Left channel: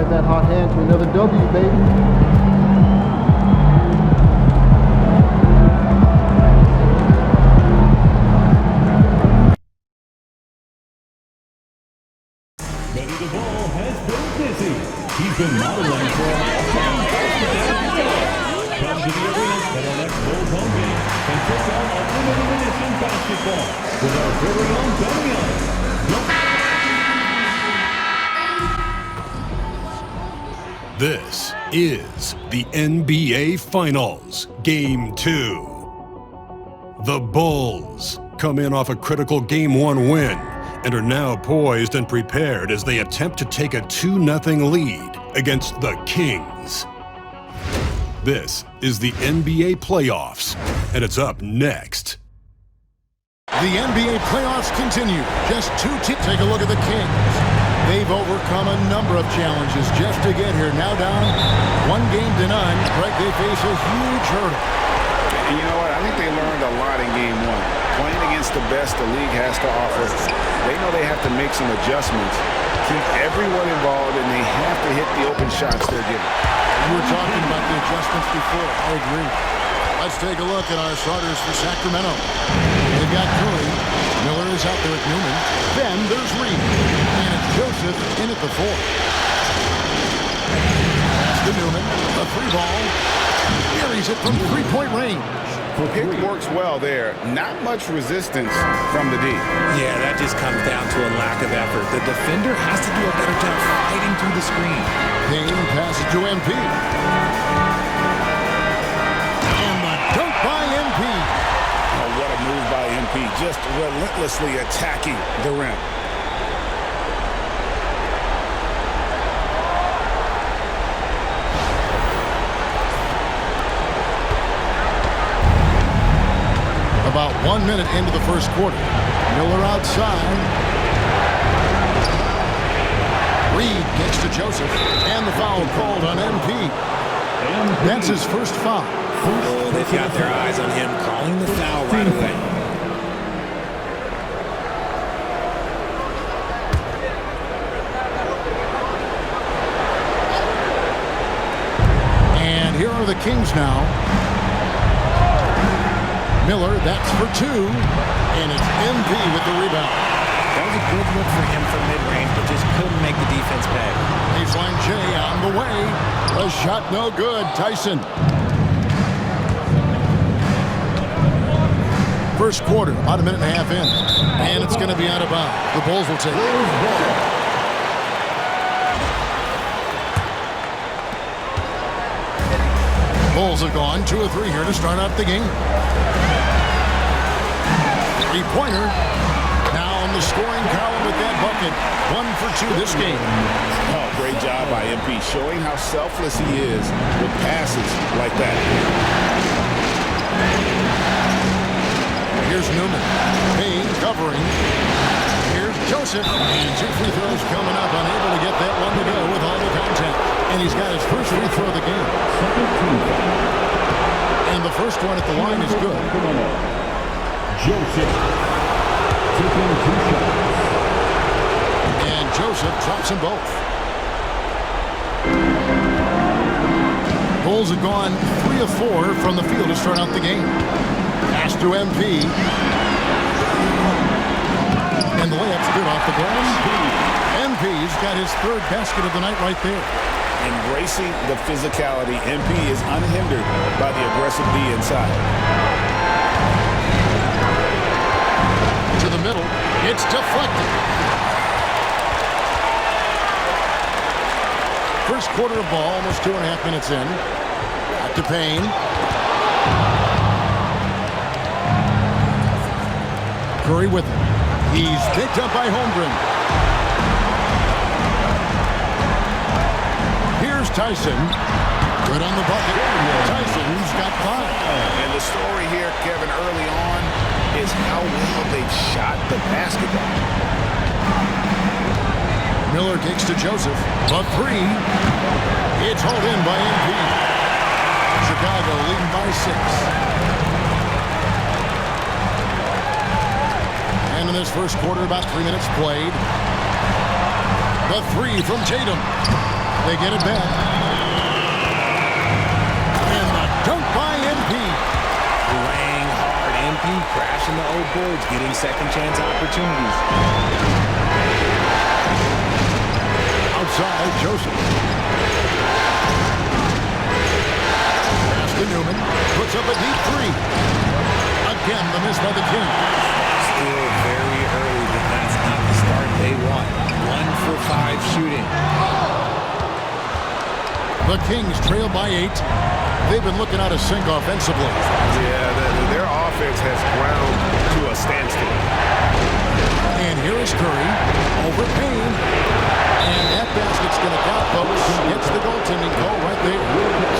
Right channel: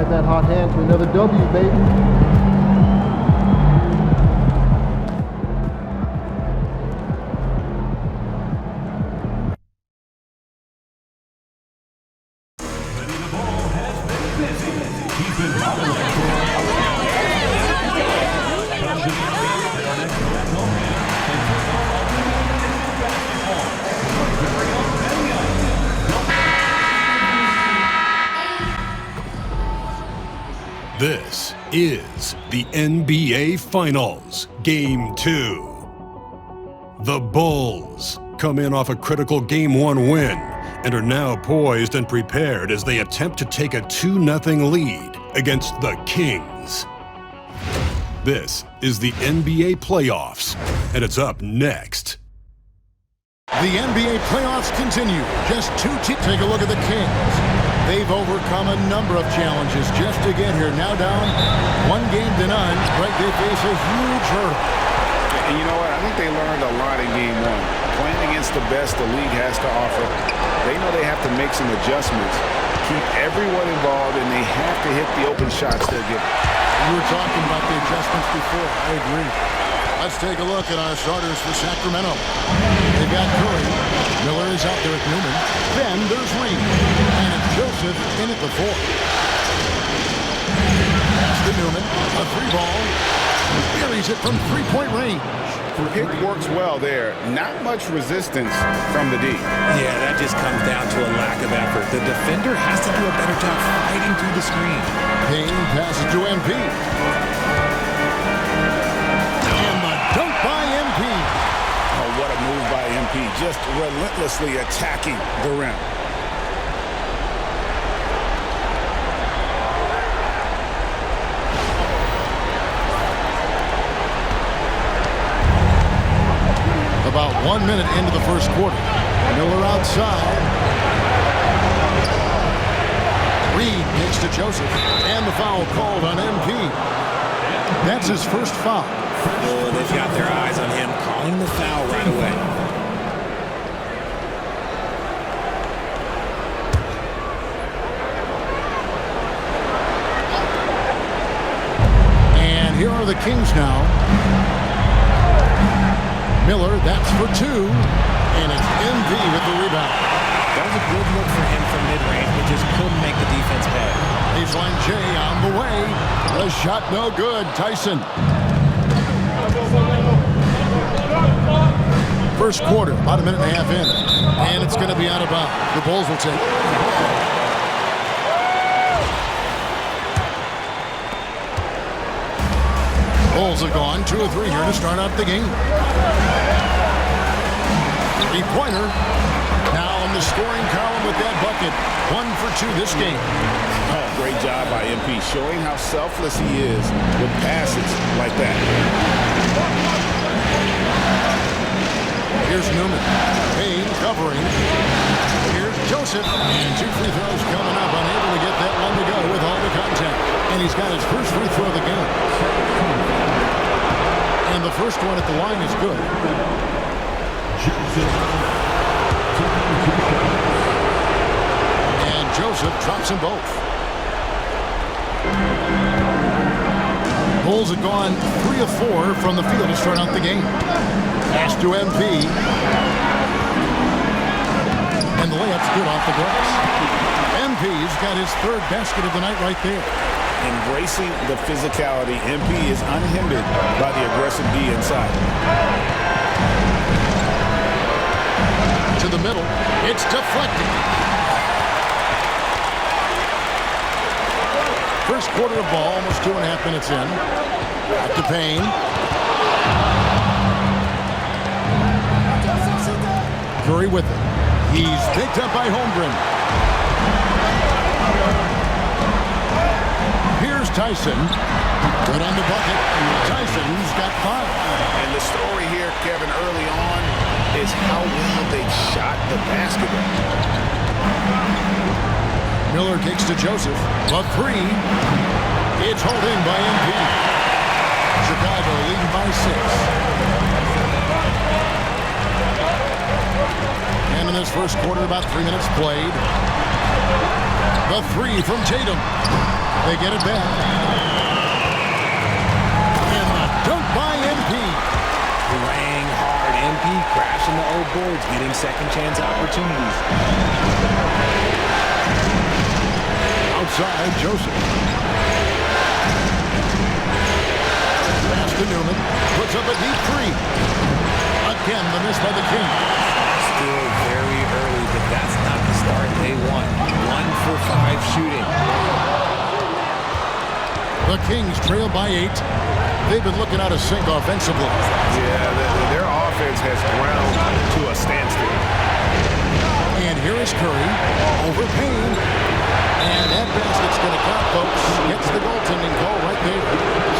ride that hot hand to another W, baby. Benny the Ball has been busy. He's been modeling for come to the arena for our next Bulls home game and take on NBA Edition basketball with our very own Benny on. This is the NBA Finals, Game 2. The Bulls come in off a critical Game 1 win and are now poised and prepared as they attempt to take a 2-0 lead against the Kings. This is the NBA playoffs, and it's up next. The NBA playoffs continue. Just two teams. Take a look at the Kings. They've overcome a number of challenges just to get here. Now down 1-0. Right, they face a huge hurdle. And you know what? I think they learned a lot in Game 1. Playing against the best the league has to offer, they know they have to make some adjustments, keep everyone involved, and they have to hit the open shots they're given. You were talking about the adjustments before. I agree. Let's take a look at our starters for Sacramento. They've got Curry. Miller is out there at Newman. Then there's Reed. And it's Joseph in at the 4. Pass to Newman. A 3-ball. Buries it from 3-point range. Pick works well there. Not much resistance from the D. Yeah, that just comes down to a lack of effort. The defender has to do a better job fighting through the screen. Payne passes to MP. And the dunk by MP. Oh, what a move by MP. Just relentlessly attacking the rim. About 1 minute into the first quarter. Miller outside. Reed kicks to Joseph. And the foul called on MP. That's his first foul. Oh, they've got their eyes on him, calling the foul right away. And here are the Kings now. Miller, that's for 2. And it's MP with the rebound. That was a good look for him from mid-range, but just couldn't make the defense pay. Baseline J on the way. The shot no good. Tyson. First quarter, about 1.5 minutes in. And it's going to be out of bounds. The Bulls will take it. Bulls have gone 2 of 3 here to start out the game. 3-pointer. Now on the scoring column with that bucket. 1 for 2 this game. Oh, great job by MP, showing how selfless he is with passes like that. Here's Newman. Payne covering. Here's Joseph. And 2 free throws coming up. Unable to get that one to go with all the contact. And he's got his first free throw of the game. And the first one at the line is good. Joseph taking 2 shots. And Joseph drops them both. Bulls have gone 3 of 4 from the field to start out the game. Pass to MP. And the layup's good off the glass. MP's got his 3rd basket of the night right there. Embracing the physicality, MP is unhindered by the aggressive D inside. To the middle. It's deflected. First quarter of ball, almost 2.5 minutes in. Back to Payne. Curry with it. He's picked up by Holmgren. Here's Tyson. Good on the bucket. Tyson's got 5. And the story here, Kevin, early on is how well they've shot the basketball. Miller kicks to Joseph. The 3. It's hauled in by MP. Chicago leading by 6. And in this first quarter, about 3 minutes played. The 3 from Tatum. They get it back. And the dunk by MP. Playing hard. MP crashing the old boards, getting second chance opportunities. Outside, Joseph. Pass to Newman. Puts up a deep three. Again, the miss by the Kings. Still very early, but that's not the start they want. 1 for 5 shooting. The Kings trail by 8. They've been looking out of sync offensively. Yeah, their offense has ground to a standstill. And here is Curry over Payne. And that basket's going to count, folks. Gets the goaltending call right there.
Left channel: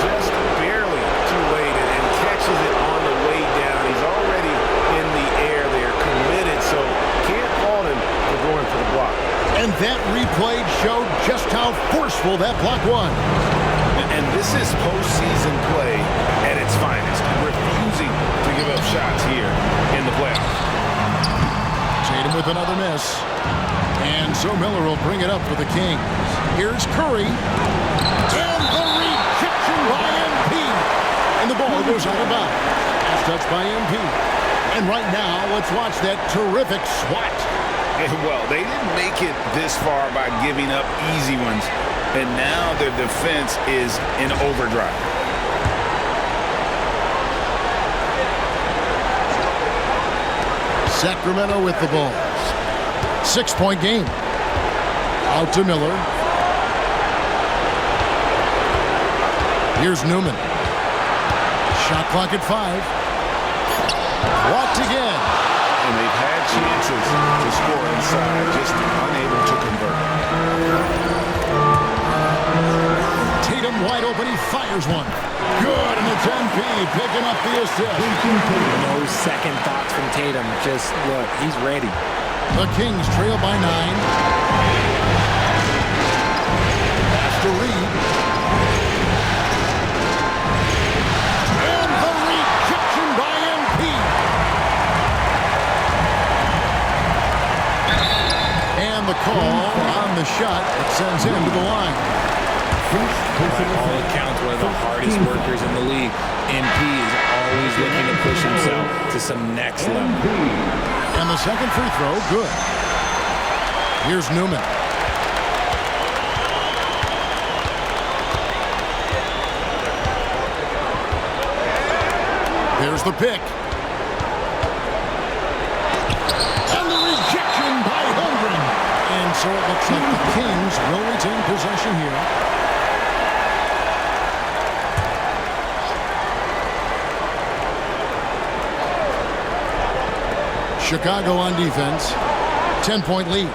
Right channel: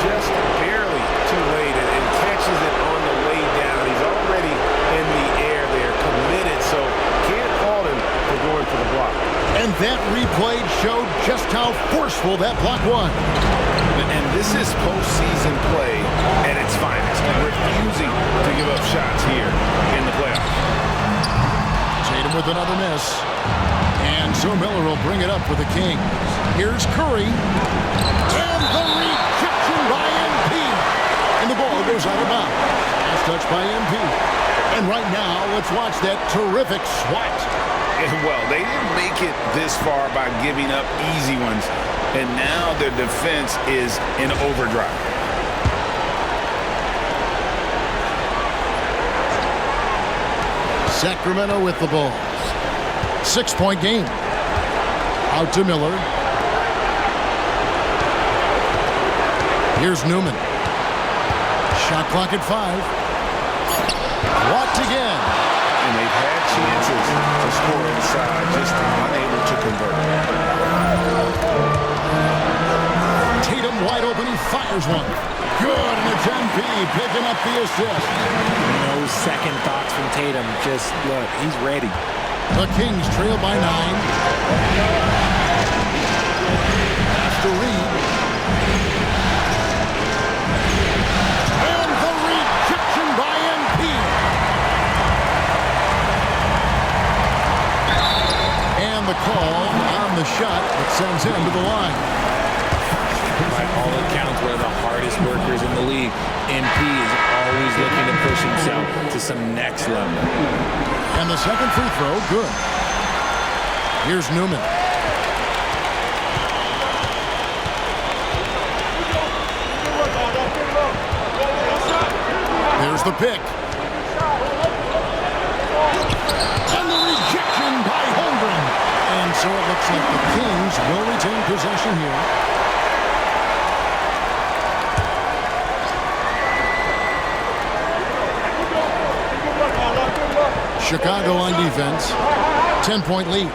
Just barely too late and catches it on the way down. He's already in the air there, committed, so can't fault him for going for the block. And that replay showed just how forceful that block was. And this is postseason play at its finest, refusing to give up shots here in the playoffs. Tatum with another miss. And so Miller will bring it up for the Kings. Here's Curry. And the rejection by MP. And the ball goes out of bounds. Last touch by MP. And right now, let's watch that terrific swat. Well, they didn't make it this far by giving up easy ones. And now their defense is in overdrive. Sacramento with the ball. 6-point game. Out to Miller. Here's Newman. Shot clock at 5. Blocked again. And they've had chances to score inside, just unable to convert. Tatum wide open, he fires one. Good, and it's MP picking up the assist. No second thoughts from Tatum. Just look, he's ready. The Kings trail by 9. Pass to Reed. And the rejection by MP. And the call on the shot that sends him to the line. By all accounts, one of the hardest workers in the league. MP is always looking to push himself to some next level. And the second free throw, good. Here's Newman. There's the pick. And the rejection by Holmgren. And so it looks like the Kings will retain possession here. Chicago on defense. 10-point lead.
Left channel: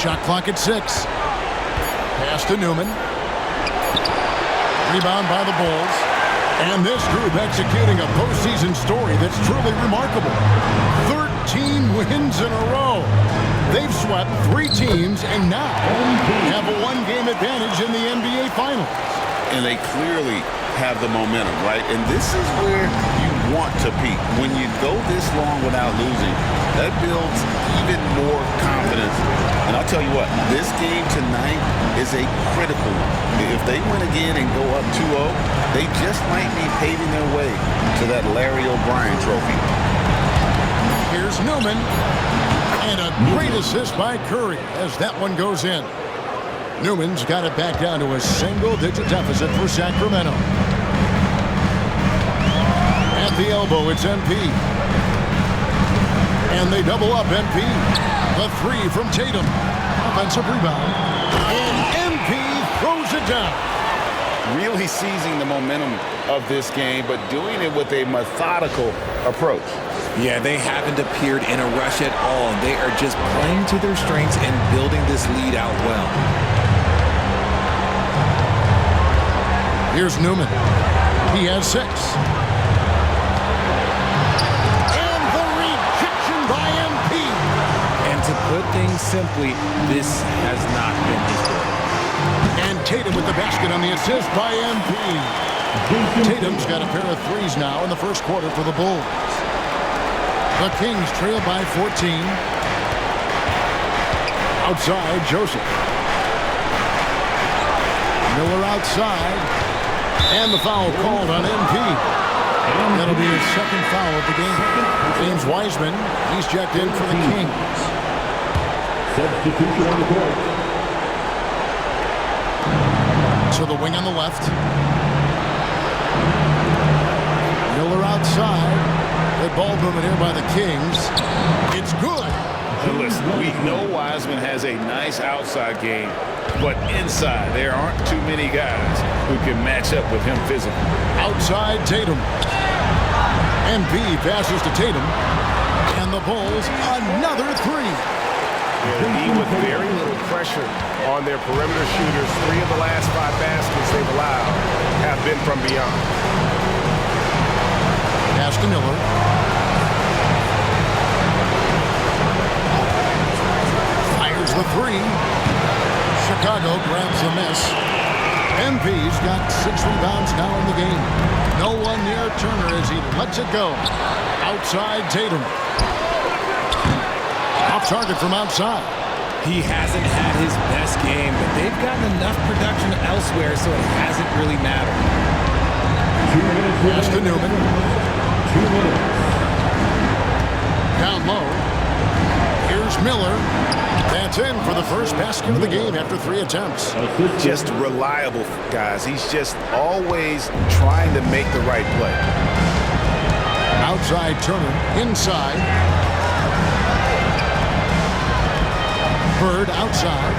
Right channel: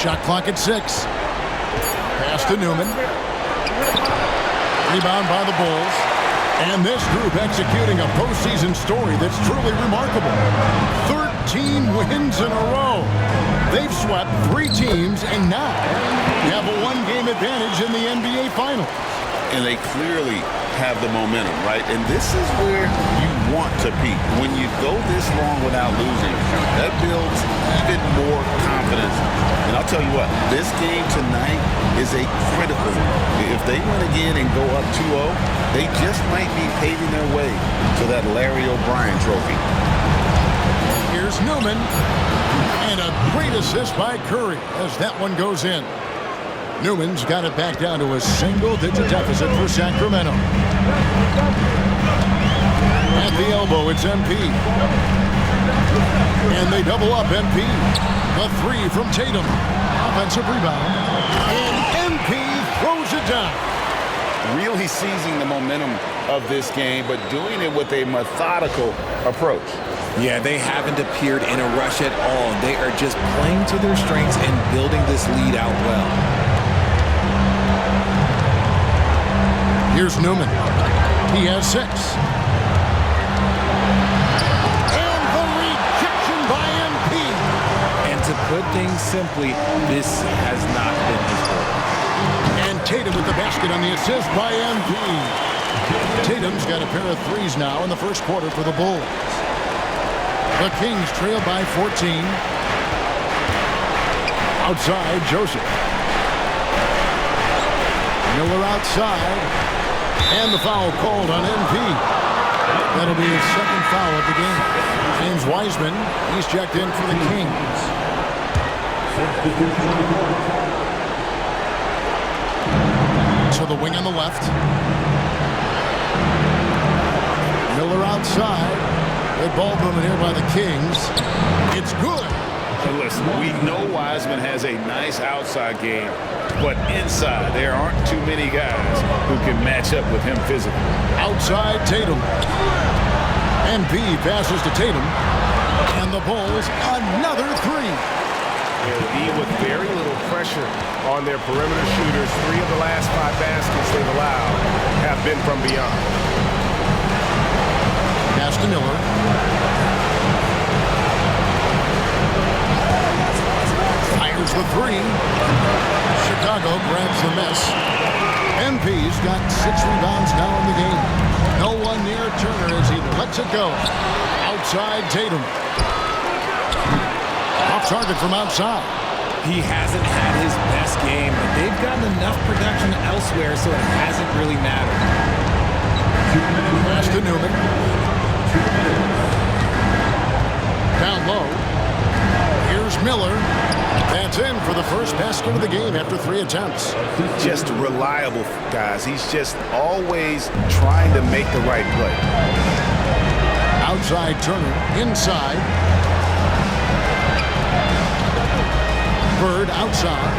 Shot clock at 6. Pass to Newman. Rebound by the Bulls. And this group executing a postseason story that's truly remarkable. 13 wins in a row. They've swept 3 teams and now have a 1-game advantage in the NBA Finals. And they clearly have the momentum, right? And this is where you want to peak. When you go this long without losing, that builds even more confidence. And I'll tell you what, this game tonight is a critical one. If they win again and go up 2-0, they just might be paving their way to that Larry O'Brien trophy. Here's Newman. And a great assist by Curry as that one goes in. Newman's got it back down to a single-digit deficit for Sacramento. At the elbow, it's MP. And they double up MP. The 3 from Tatum. Offensive rebound. And MP throws it down. Really seizing the momentum of this game, but doing it with a methodical approach. Yeah, they haven't appeared in a rush at all. They are just playing to their strengths and building this lead out well. Here's Newman. He has 6. And the rejection by MP. And to put things simply, this has not been his quarter. And Tatum with the basket on the assist by MP. Tatum's got a pair of 3s now in the first quarter for the Bulls. The Kings trail by 14. Outside, Joseph. Miller outside. And the foul called on NP. That'll be his second foul of the game. James Wiseman, he's checked in for the Kings. Substitution on the court. To the wing on the left. Miller outside. Good ball movement here by the Kings. It's good. Listen, we know Wiseman has a nice outside game, but inside there aren't too many guys who can match up with him physically. Outside Tatum. MP passes to Tatum. And the Bulls, another three. The E with very little pressure on their perimeter shooters. 3 of the last 5 baskets they've allowed have been from beyond. Pass to Miller. Fires the three. Chicago grabs the miss. MP's got 6 rebounds now in the game. No one near Turner as he lets it go. Outside Tatum. Off target from outside. He hasn't had his best game, but they've gotten enough production elsewhere, so it hasn't really mattered. 2 minutes. Pass to Newman. 2 minutes. Down low. Here's Miller. That's in for the first basket of the game after 3 attempts. Just reliable, guys. He's just always trying to make the right play. Outside Turner. Inside. Bird outside.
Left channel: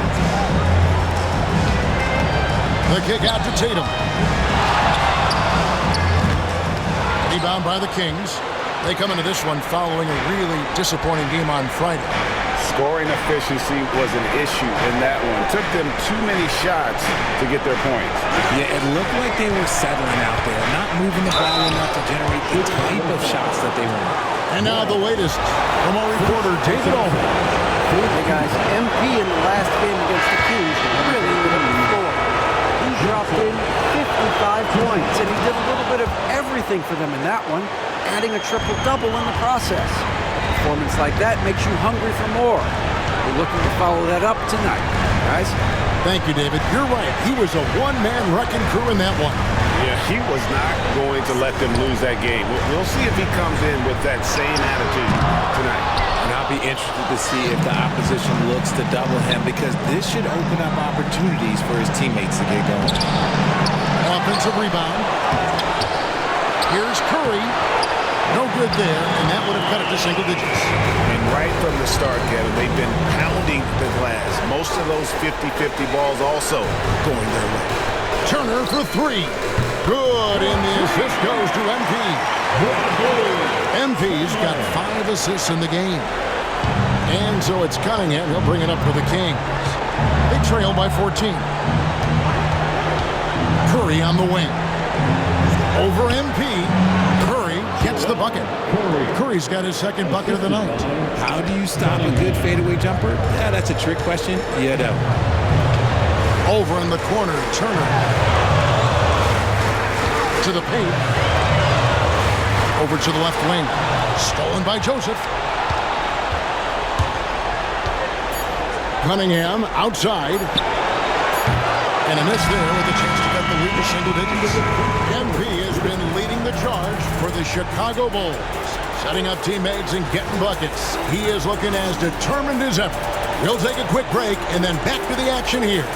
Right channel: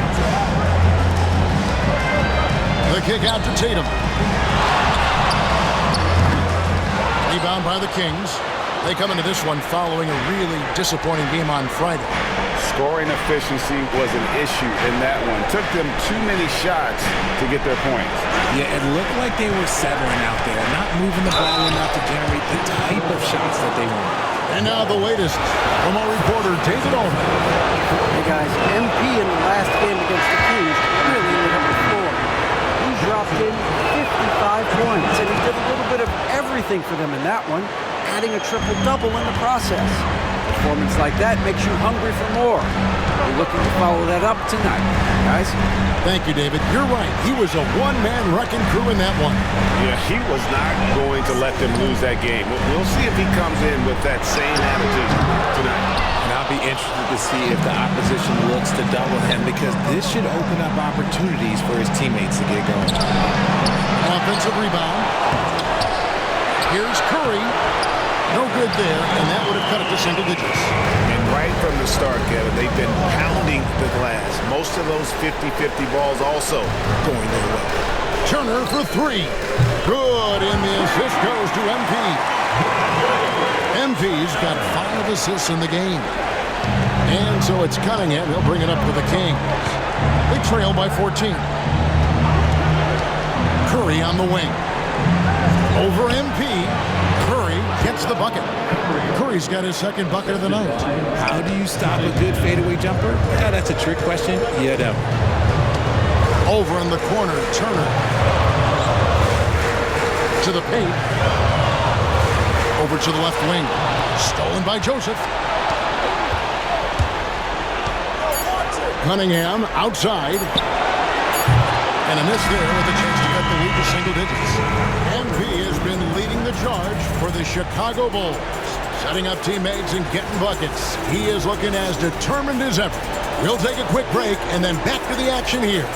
The kick out to Tatum. Rebound by the Kings. They come into this one following a really disappointing game on Friday. Scoring efficiency was an issue in that one. Took them too many shots to get their points. Yeah, it looked like they were settling out there, not moving the ball enough to generate the type of shots that they want. And now the latest from our reporter, David Allman. Hey guys, MP in the last game against the Kings really lit up the floor. He dropped in 55 points, and he did a little bit of everything for them in that one, adding a triple-double in the process. A performance like that makes you hungry for more. We're looking to follow that up tonight, guys. Thank you, David. You're right. He was a one-man wrecking crew in that one. Yeah, he was not going to let them lose that game. We'll see if he comes in with that same attitude tonight. And I'll be interested to see if the opposition looks to double him, because this should open up opportunities for his teammates to get going. Offensive rebound. Here's Curry. No good there, and that would have cut it to single digits. And right from the start, Kevin, they've been pounding the glass. Most of those 50-50 balls also going their way. Turner for 3. Good, and the assist goes to MP. MP's got 5 assists in the game. And so it's Cunningham. He'll bring it up for the Kings. They trail by 14. Curry on the wing. Over MP. Curry gets the bucket. Curry's got his second bucket of the night. How do you stop a good fadeaway jumper? Yeah, that's a trick question. You don't. Over in the corner, Turner. To the paint. Over to the left wing. Stolen by Joseph. Cunningham outside. And a miss there with a chance to get the lead to single digits. MP has been leading the charge for the Chicago Bulls. Setting up teammates and getting buckets. He is looking as determined as ever. We'll take a quick break and then back to the action here.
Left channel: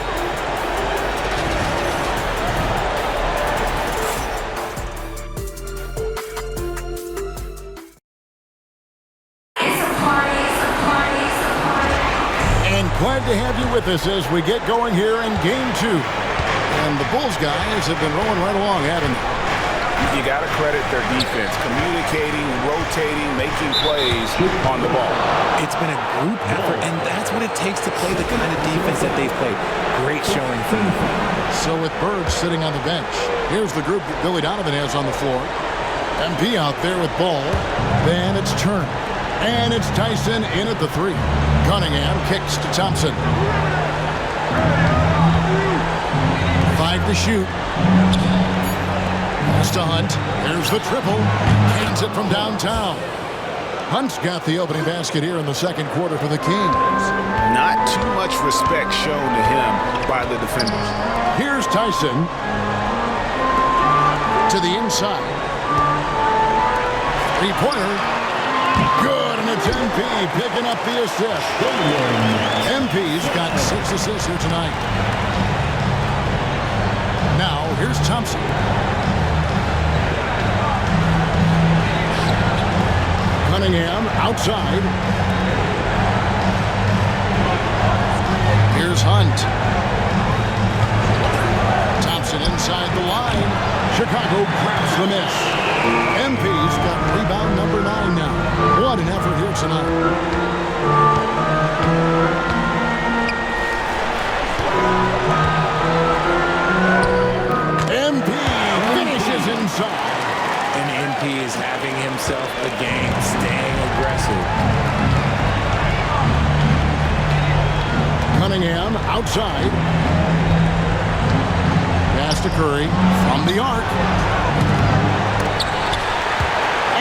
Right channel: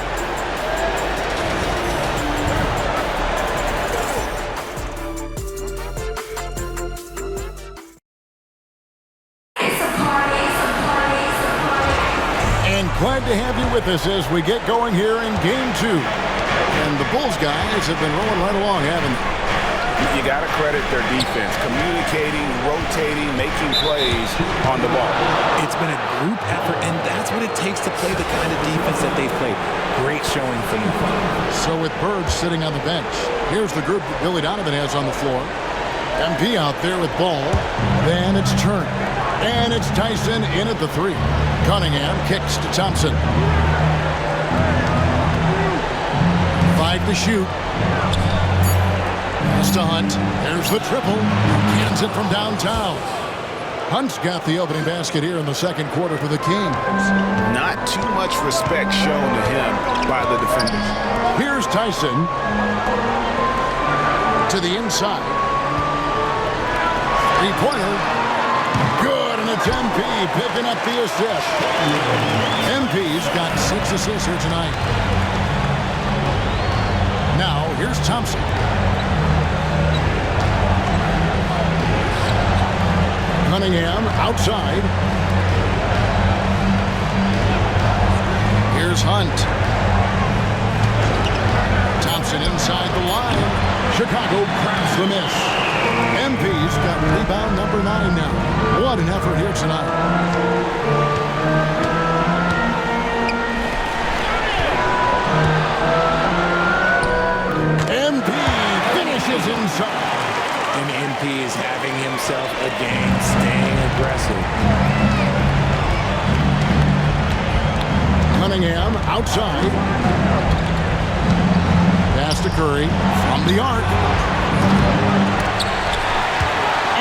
Glad to have you with us as we get going here in Game 2. And the Bulls guys have been rolling right along, haven't they? You got to credit their defense. Communicating, rotating, making plays on the ball. It's been a group effort, and that's what it takes to play the kind of defense that they've played. Great showing from them. So with Bird sitting on the bench, here's the group that Billy Donovan has on the floor. MP out there with ball. Then it's Turner. And it's Tyson in at the 3. Cunningham kicks to Thompson. 5 to shoot. Pass to Hunt. There's the triple. Cans it from downtown. Hunt's got the opening basket here in the second quarter for the Kings. Not too much respect shown to him by the defenders. Here's Tyson to the inside. Three-pointer. Good, and it's MP picking up the assist. MP's got 6 assists here tonight. Now, here's Thompson. Cunningham outside. Here's Hunt. Thompson inside the line. Chicago grabs the miss. MP's got rebound number 9 now. What an effort here tonight. MP finishes inside. And MP is having himself a game, staying aggressive. Cunningham outside. Pass to Curry from the arc.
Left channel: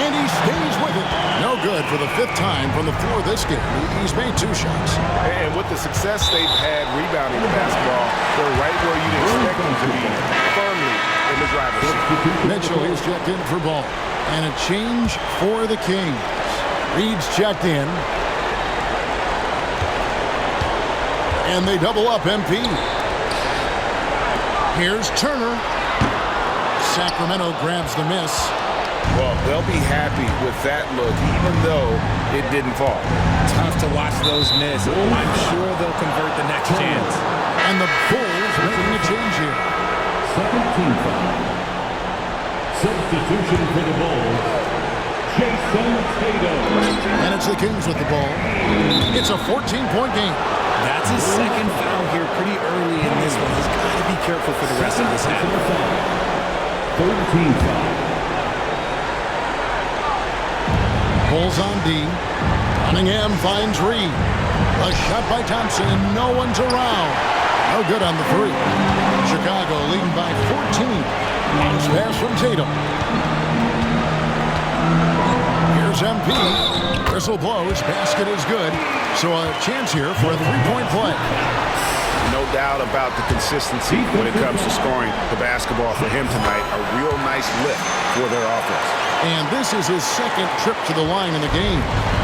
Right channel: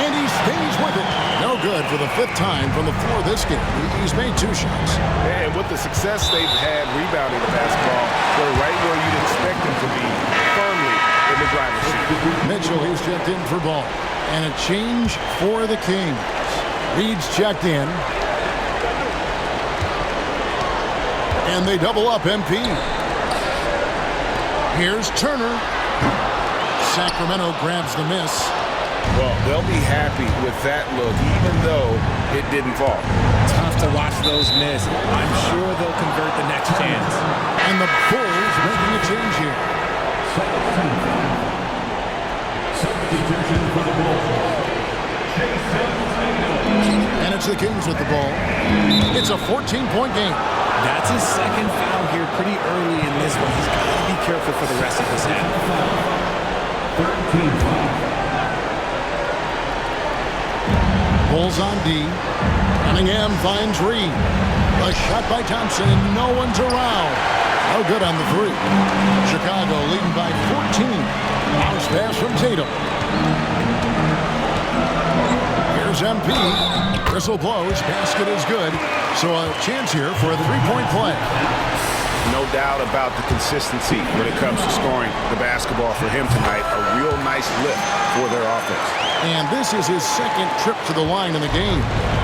And he stays with it. No good for the 5th time from the floor this game. He's made 2 shots. And with the success they've had rebounding the basketball, they're right where you'd expect them to be, firmly in the driver's seat. Mitchell, he's checked in for ball. And a change for the Kings. Reed's checked in. And they double up MP. Here's Turner. Sacramento grabs the miss. Well, they'll be happy with that look, even though it didn't fall. Tough to watch those miss. I'm sure they'll convert the next chance. And the Bulls making a change here. Second team foul. Substitution for the Bulls, Jayson Tatum. And it's the Kings with the ball. It's a 14-point game. That's his second foul here pretty early in this one. He's got to be careful for the rest of this half. Third team foul. Bulls on D. Cunningham finds Reed. A shot by Thompson, and no one's around. No good on the 3. Chicago leading by 14. Bounce pass from Tatum. Here's MP. Whistle blows. Basket is good. So a chance here for a 3-point play. No doubt about the consistency when it comes to scoring the basketball for him tonight. A real nice lift for their offense. And this is his second trip to the line in the game.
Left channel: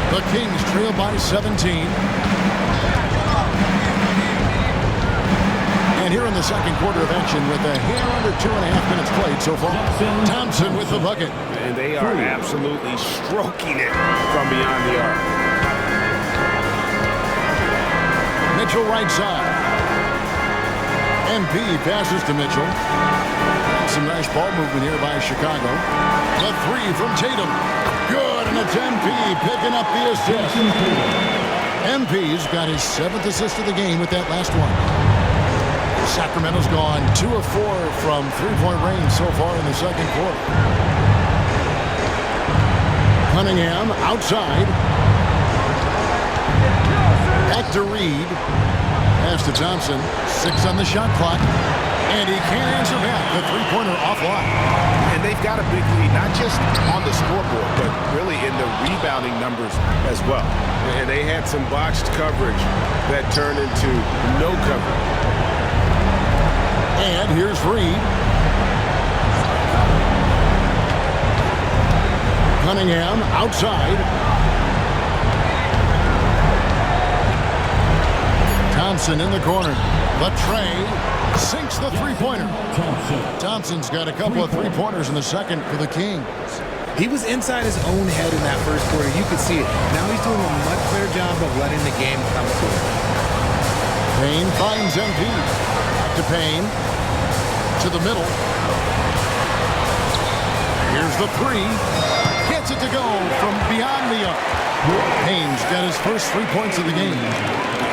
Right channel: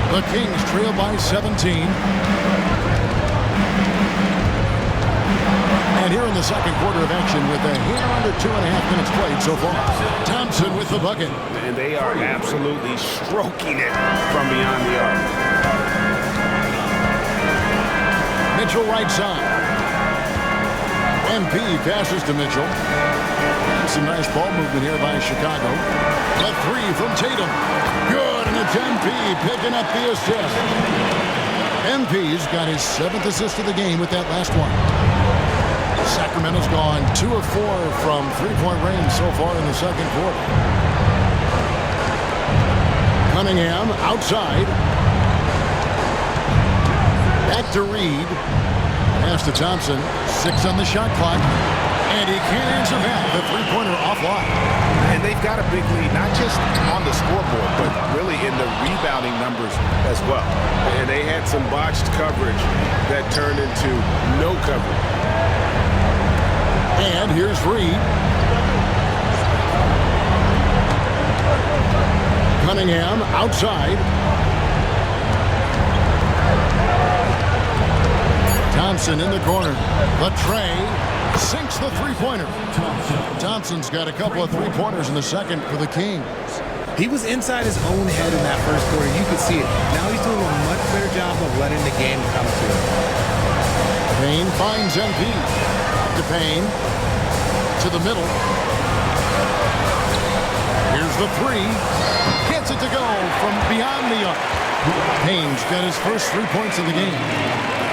The Kings trail by 17. And here in the second quarter of action with a hair under 2.5 minutes played so far. Thompson with the bucket. And they are absolutely stroking it from beyond the arc. Mitchell right side. MP passes to Mitchell. And some nice ball movement here by Chicago. The 3 from Tatum. Good, and it's MP picking up the assist. MP's got his 7th assist of the game with that last one. Sacramento's gone 2 of 4 from 3-point range so far in the second quarter. Cunningham outside. Back to Reed. Pass to Thompson. 6 on the shot clock. And he can't answer back. The 3-pointer offline. And they've got a big lead, not just on the scoreboard, but really in the rebounding numbers as well. And they had some botched coverage that turned into no coverage. And here's Reed. Cunningham outside. Thompson in the corner. The tray sinks the 3-pointer. Thompson's got a couple of 3-pointers in the second for the Kings. He was inside his own head in that first quarter. You could see it. Now he's doing a much better job of letting the game come to him. Payne finds MP. Back to Payne. To the middle. Here's the 3. Gets it to go from beyond the arc. Payne's got his first 3 points of the game.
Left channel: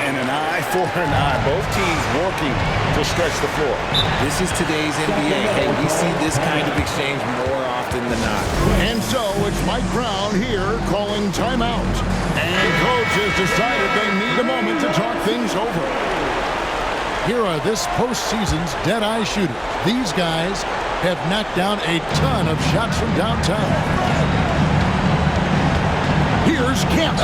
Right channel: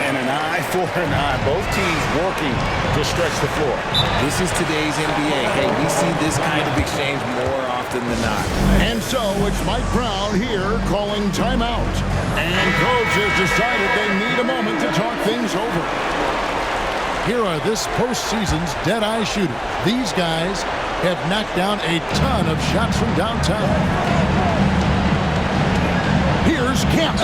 And an eye for an eye. Both teams working to stretch the floor. This is today's NBA. Hey, we see this kind of exchange more often than not. And so it's Mike Brown here calling timeout. And coach has decided they need a moment to talk things over. Here are this postseason's dead-eye shooters. These guys have knocked down a ton of shots from downtown. Here's Here's Kemp.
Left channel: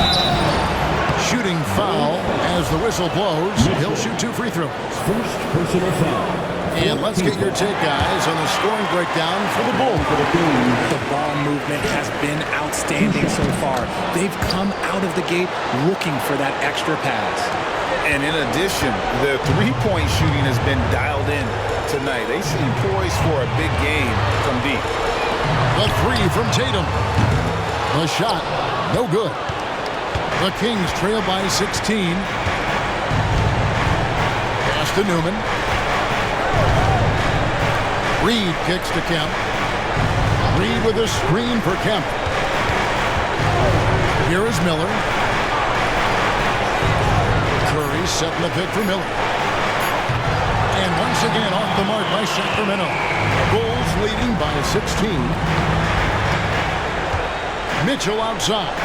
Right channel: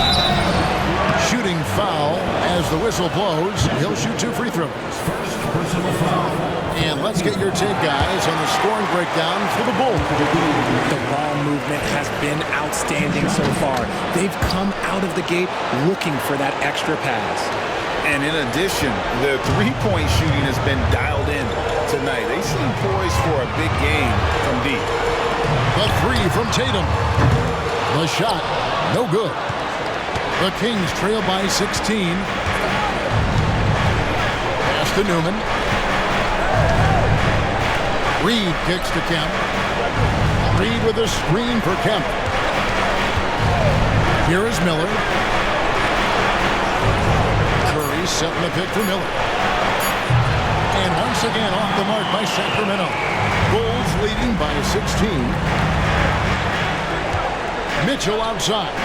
Shooting foul as the whistle blows. He'll shoot 2 free throws. First personal foul. And let's get your take, guys, on the scoring breakdown for the Bulls. The ball movement has been outstanding so far. They've come out of the gate looking for that extra pass. And in addition, the three-point shooting has been dialed in tonight. They seem poised for a big game from deep. The 3 from Tatum. The shot, no good. The Kings trail by 16. Pass to Newman. Reed kicks to Kemp. Reed with a screen for Kemp. Here is Miller. Curry setting the pick for Miller. And once again off the mark by Sacramento. Bulls leading by 16. Mitchell outside.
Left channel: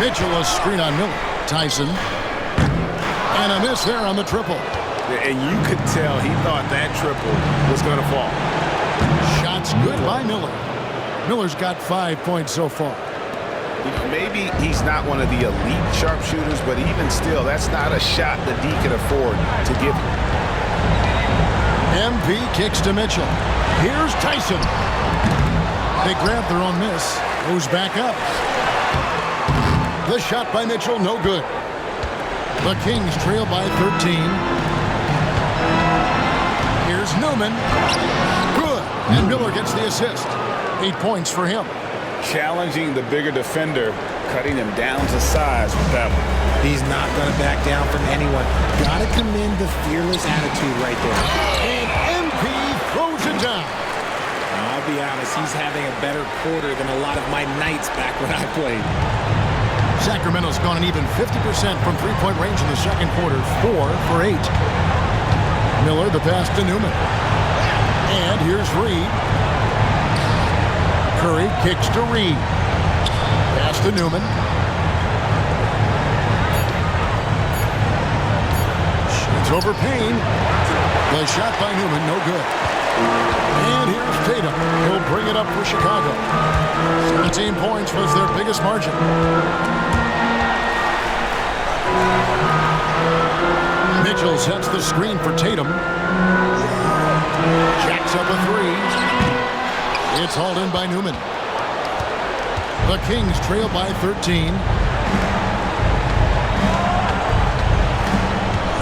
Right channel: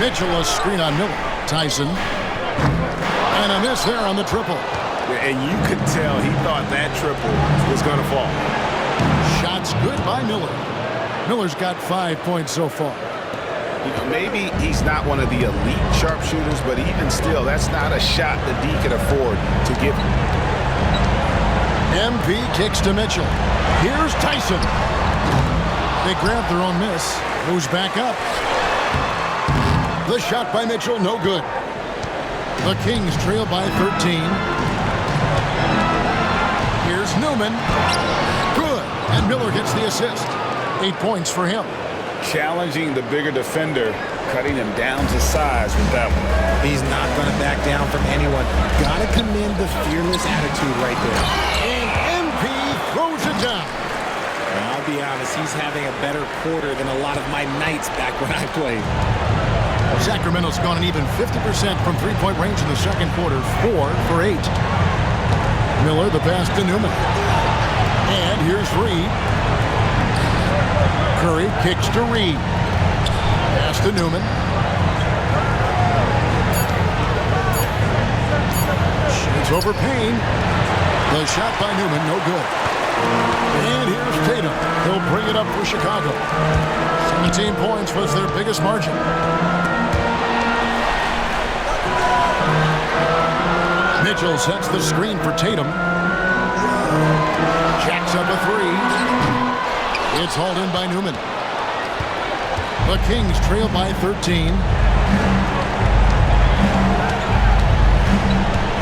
Mitchell a screen on Miller. Tyson. And a miss there on the triple. And you could tell he thought that triple was going to fall. Shots good by Miller. Miller's got 5 points so far. You know, maybe he's not one of the elite sharpshooters, but even still, that's not a shot that D can afford to give him. MP kicks to Mitchell. Here's Tyson. They grab their own miss. Goes back up. The shot by Mitchell, no good. The Kings trail by 13. Here's Newman. Good. And Miller gets the assist. 8 points for him. Challenging the bigger defender, cutting him down to size with that one. He's not going to back down from anyone. Got to commend the fearless attitude right there. And MP throws it down. Now, I'll be honest, he's having a better quarter than a lot of my nights back when I played. Sacramento's gone an even 50% from three-point range in the second quarter. 4 for 8. Miller the pass to Newman. And here's Reed. Curry kicks to Reed. Pass to Newman. Shades over Payne. The shot by Newman, no good. And here's Tatum. He'll bring it up for Chicago. 17 points was their biggest margin. Mitchell sets the screen for Tatum. Jacks up a 3. It's hauled in by Newman. The Kings trail by 13.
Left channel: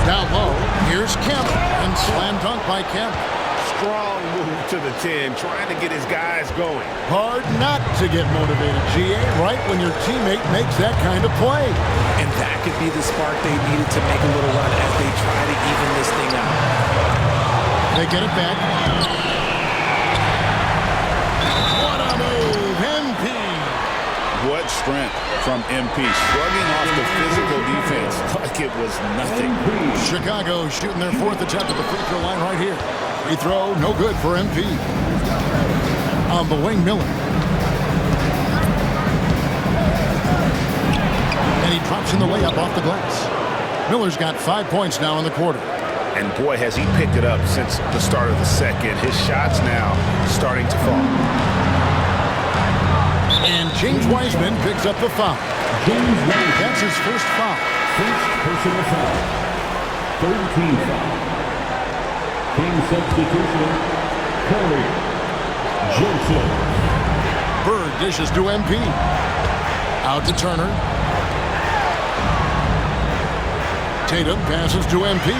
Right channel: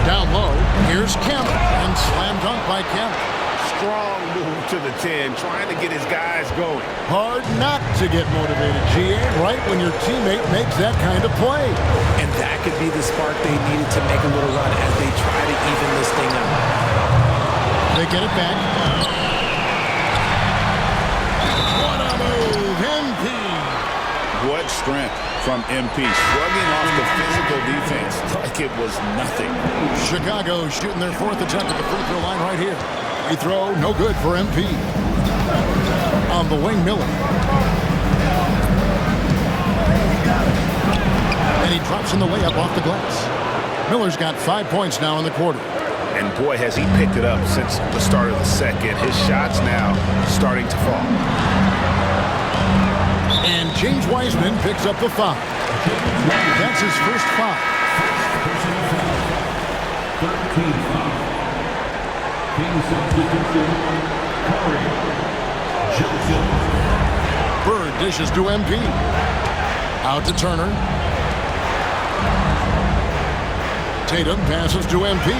Down low, here's Kemp, and slam dunk by Kemp. Strong move to the 10, trying to get his guys going. Hard not to get motivated, GA, right when your teammate makes that kind of play. And that could be the spark they needed to make a little run as they try to even this thing up. They get it back. What a move, MP. What strength from MP, shrugging off the physical defense like it was nothing. Chicago shooting their 4th attempt at the free throw line right here. Free throw, no good for MP. On the wing, Miller. And he drops in the layup off the glass. Miller's got 5 points now in the quarter. And boy, has he picked it up since the start of the second. His shots now starting to fall. And James Wiseman picks up the foul. That's his first foul. First personal foul. 13 foul. King substitution, Corey Joseph. Bird dishes to MP. Out to Turner. Tatum passes to MP.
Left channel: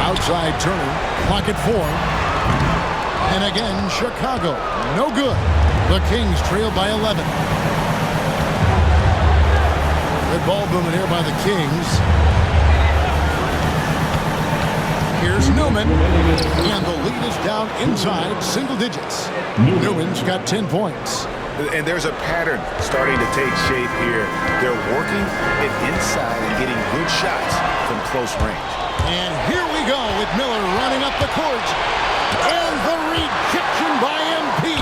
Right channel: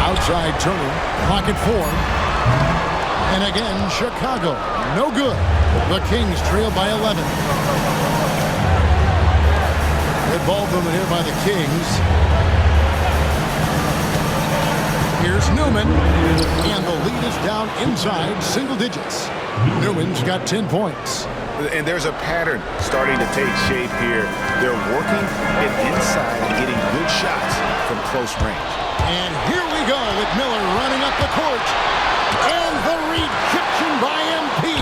Outside Turner. Clock at 4. And again, Chicago. No good. The Kings trail by 11. Good ball movement here by the Kings. Here's Newman. And the lead is down inside single digits. Newman's got 10 points. And there's a pattern starting to take shape here. They're working it inside and getting good shots from close range. And here we go with Miller running up the court. And the rejection by MP.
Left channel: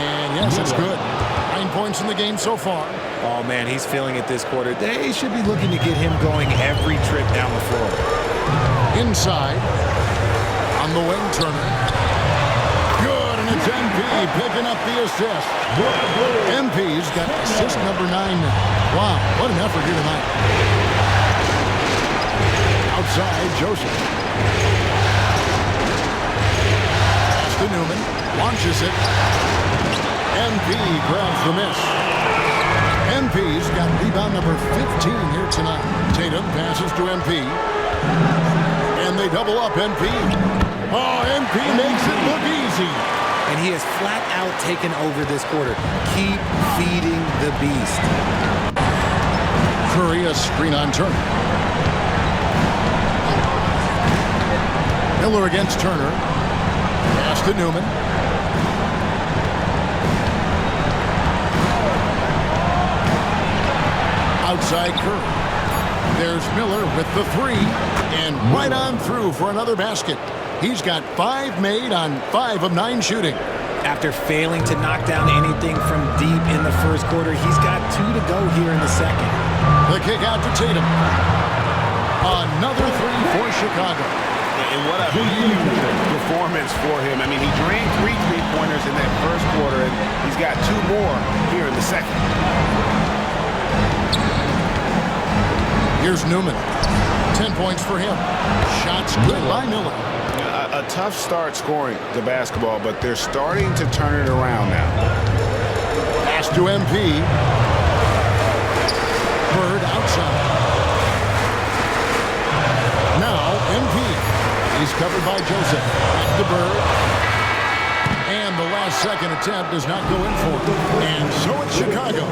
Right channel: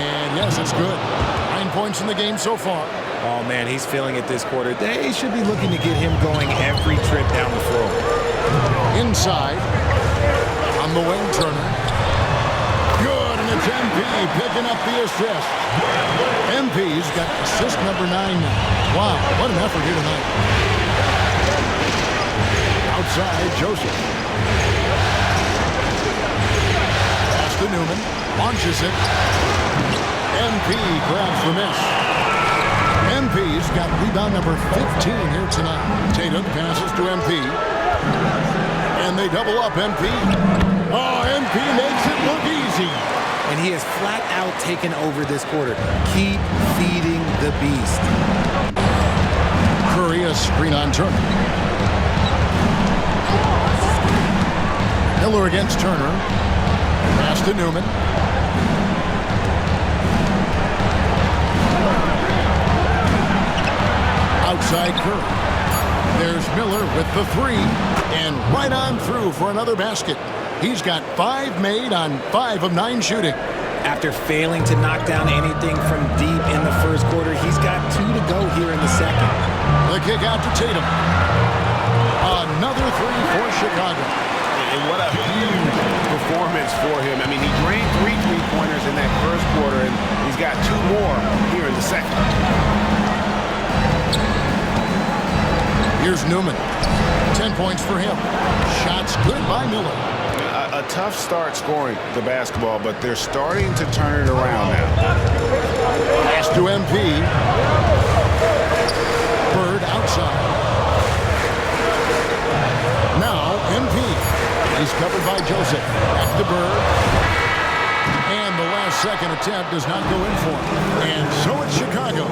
And yes, it's good. 9 points in the game so far. Oh, man, he's feeling it this quarter. They should be looking to get him going every trip down the floor. Inside. On the wing, Turner. Good. good, and it's MP picking up the assist. MP's got assist number 9 now. Wow, what an effort here tonight. Outside, Joseph. Pass to Newman. Launches it. MP grabs the miss. MP's got rebound number 15 here tonight. Tatum passes to MP. And they double up MP. Oh, MP makes it look easy. And he has flat out taken over this quarter. Keep feeding the beast. Curry, a screen on Turner. Miller against Turner. Pass to Newman. Outside Curry. There's Miller with the 3. And right on through for another basket. He's got 5 made on 5 of 9 shooting. After failing to knock down anything from deep in the first quarter, he's got 2 to go here in the second. The kick out to Tatum. Another 3 for Chicago. And what a huge performance for him. I mean, he drained 3 3-pointers in that first quarter, and he's got 2 more here in the second. Here's Newman. 10 points for him. Shots good by Miller. A tough start scoring the basketball, but they're starting to turn it around now. Pass to MP. Bird outside. Now MP. He's covered by Joseph. Back to Bird. And the last second attempt does not go in for him. And so it's Chicago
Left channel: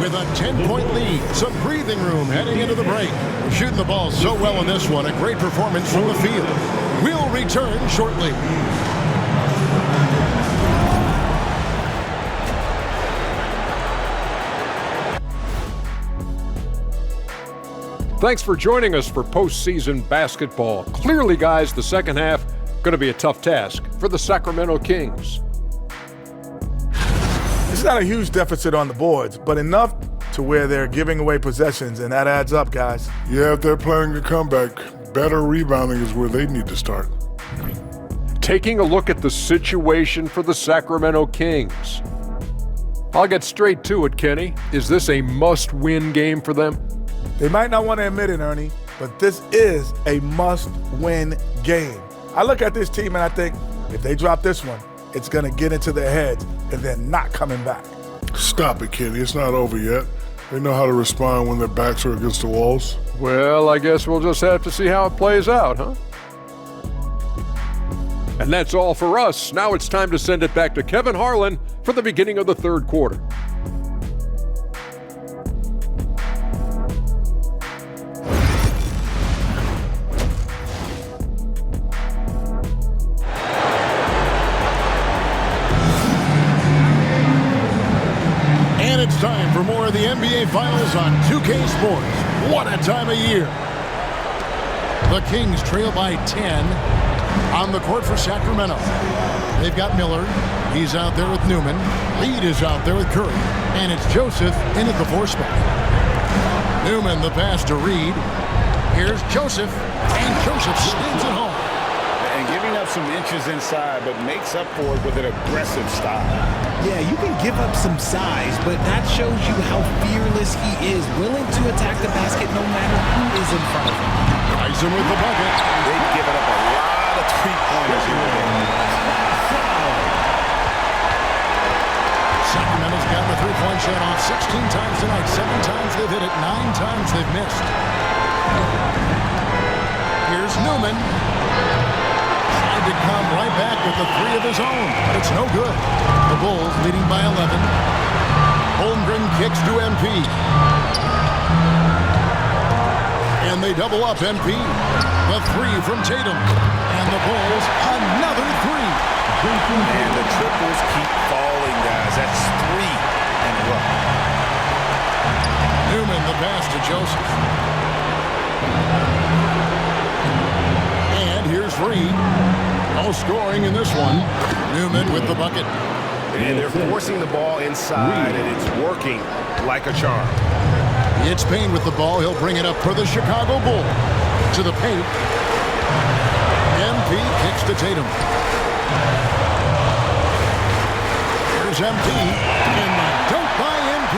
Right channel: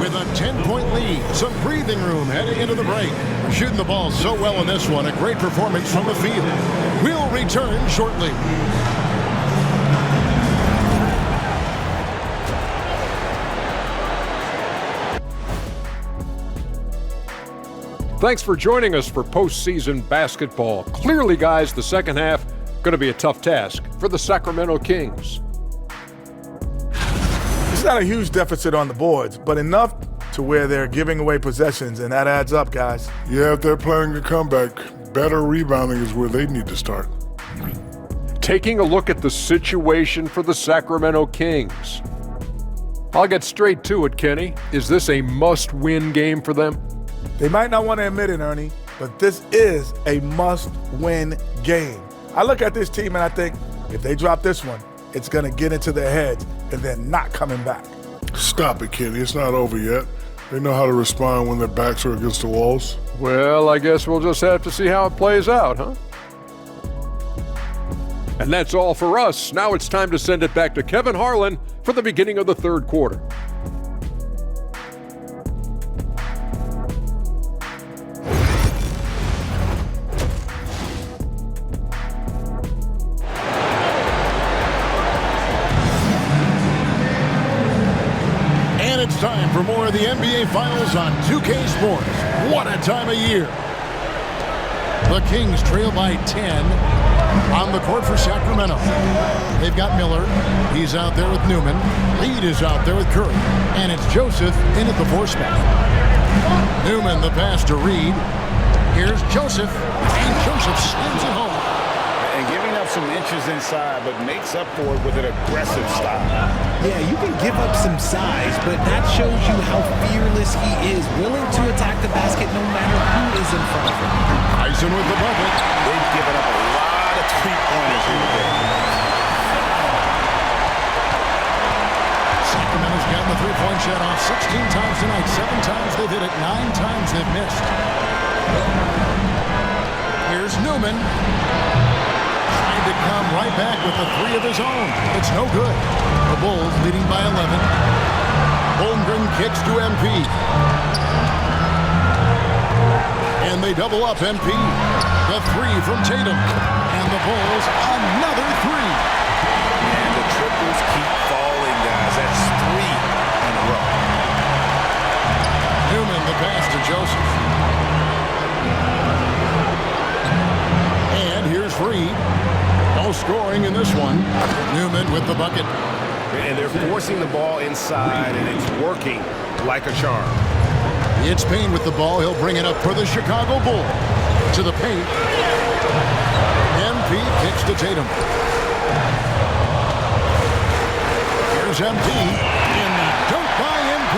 with a 10-point lead. Some breathing room heading into the break. We're shooting the ball so well in this one. A great performance from the field. We'll return shortly. Thanks for joining us for postseason basketball. Clearly, guys, the second half going to be a tough task for the Sacramento Kings. It's not a huge deficit on the boards, but enough to where they're giving away possessions, and that adds up, guys. Yeah, if they're planning a comeback, better rebounding is where they need to start. Taking a look at the situation for the Sacramento Kings. I'll get straight to it, Kenny. Is this a must-win game for them? They might not want to admit it, Ernie, but this is a must-win game. I look at this team and I think, if they drop this one, it's going to get into their heads and they're not coming back. Stop it, Kenny. It's not over yet. They know how to respond when their backs are against the walls. Well, I guess we'll just have to see how it plays out, huh? And that's all for us. Now it's time to send it back to Kevin Harlan for the beginning of the third quarter. And it's time for more of the NBA Finals on 2K Sports. What a time of year. The Kings trail by 10 on the court for Sacramento. They've got Miller. He's out there with Newman. Reed is out there with Curry. And it's Joseph in at the 4 spot. Newman, the pass to Reed. Here's Joseph. And Joseph slams it home. And giving up some inches inside, but makes up for it with an aggressive style. Yeah, you can give up some size, but that shows you how fearless he is, willing to attack the basket no matter who is in front of him. Tyson with the bucket. They've given up a lot of 3-pointers here today. Sacramento's gotten the 3-point shot off 16 times tonight. 7 times they've hit it, 9 times they've missed. Here's Newman. To come right back with the 3 of his own, but it's no good. The Bulls leading by 11. Holmgren kicks to MP. And they double up MP. The 3 from Tatum. And the Bulls another 3. And the triples keep falling, guys. That's 3 in a row. Newman the pass to Joseph. And here's Reed. No scoring in this one. Newman with the bucket. And they're forcing the ball inside, and it's working like a charm. It's Payne with the ball. He'll bring it up for the Chicago Bulls. To the paint. MP kicks to Tatum. goes MP, and the dunk by MP.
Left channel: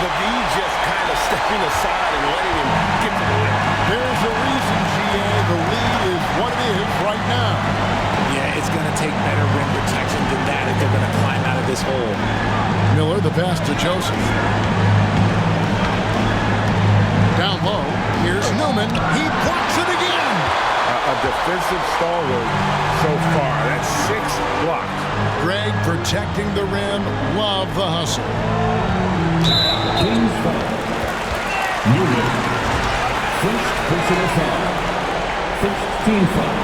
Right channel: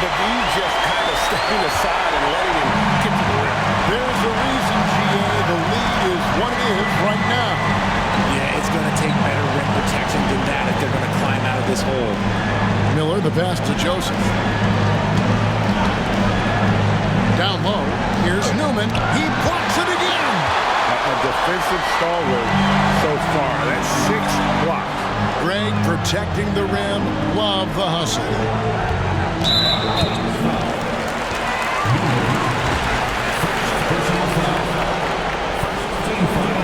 The D just kind of stepping aside and letting him get to the rim. There's a reason, GA. The lead is what it is right now. Yeah, it's going to take better rim protection than that if they're going to climb out of this hole. Miller, the pass to Joseph. Down low, here's Newman. He blocks it again. A defensive stalwart so far. That's 6 blocks. Greg protecting the rim. Love the hustle. Newman. First personal foul. First team foul.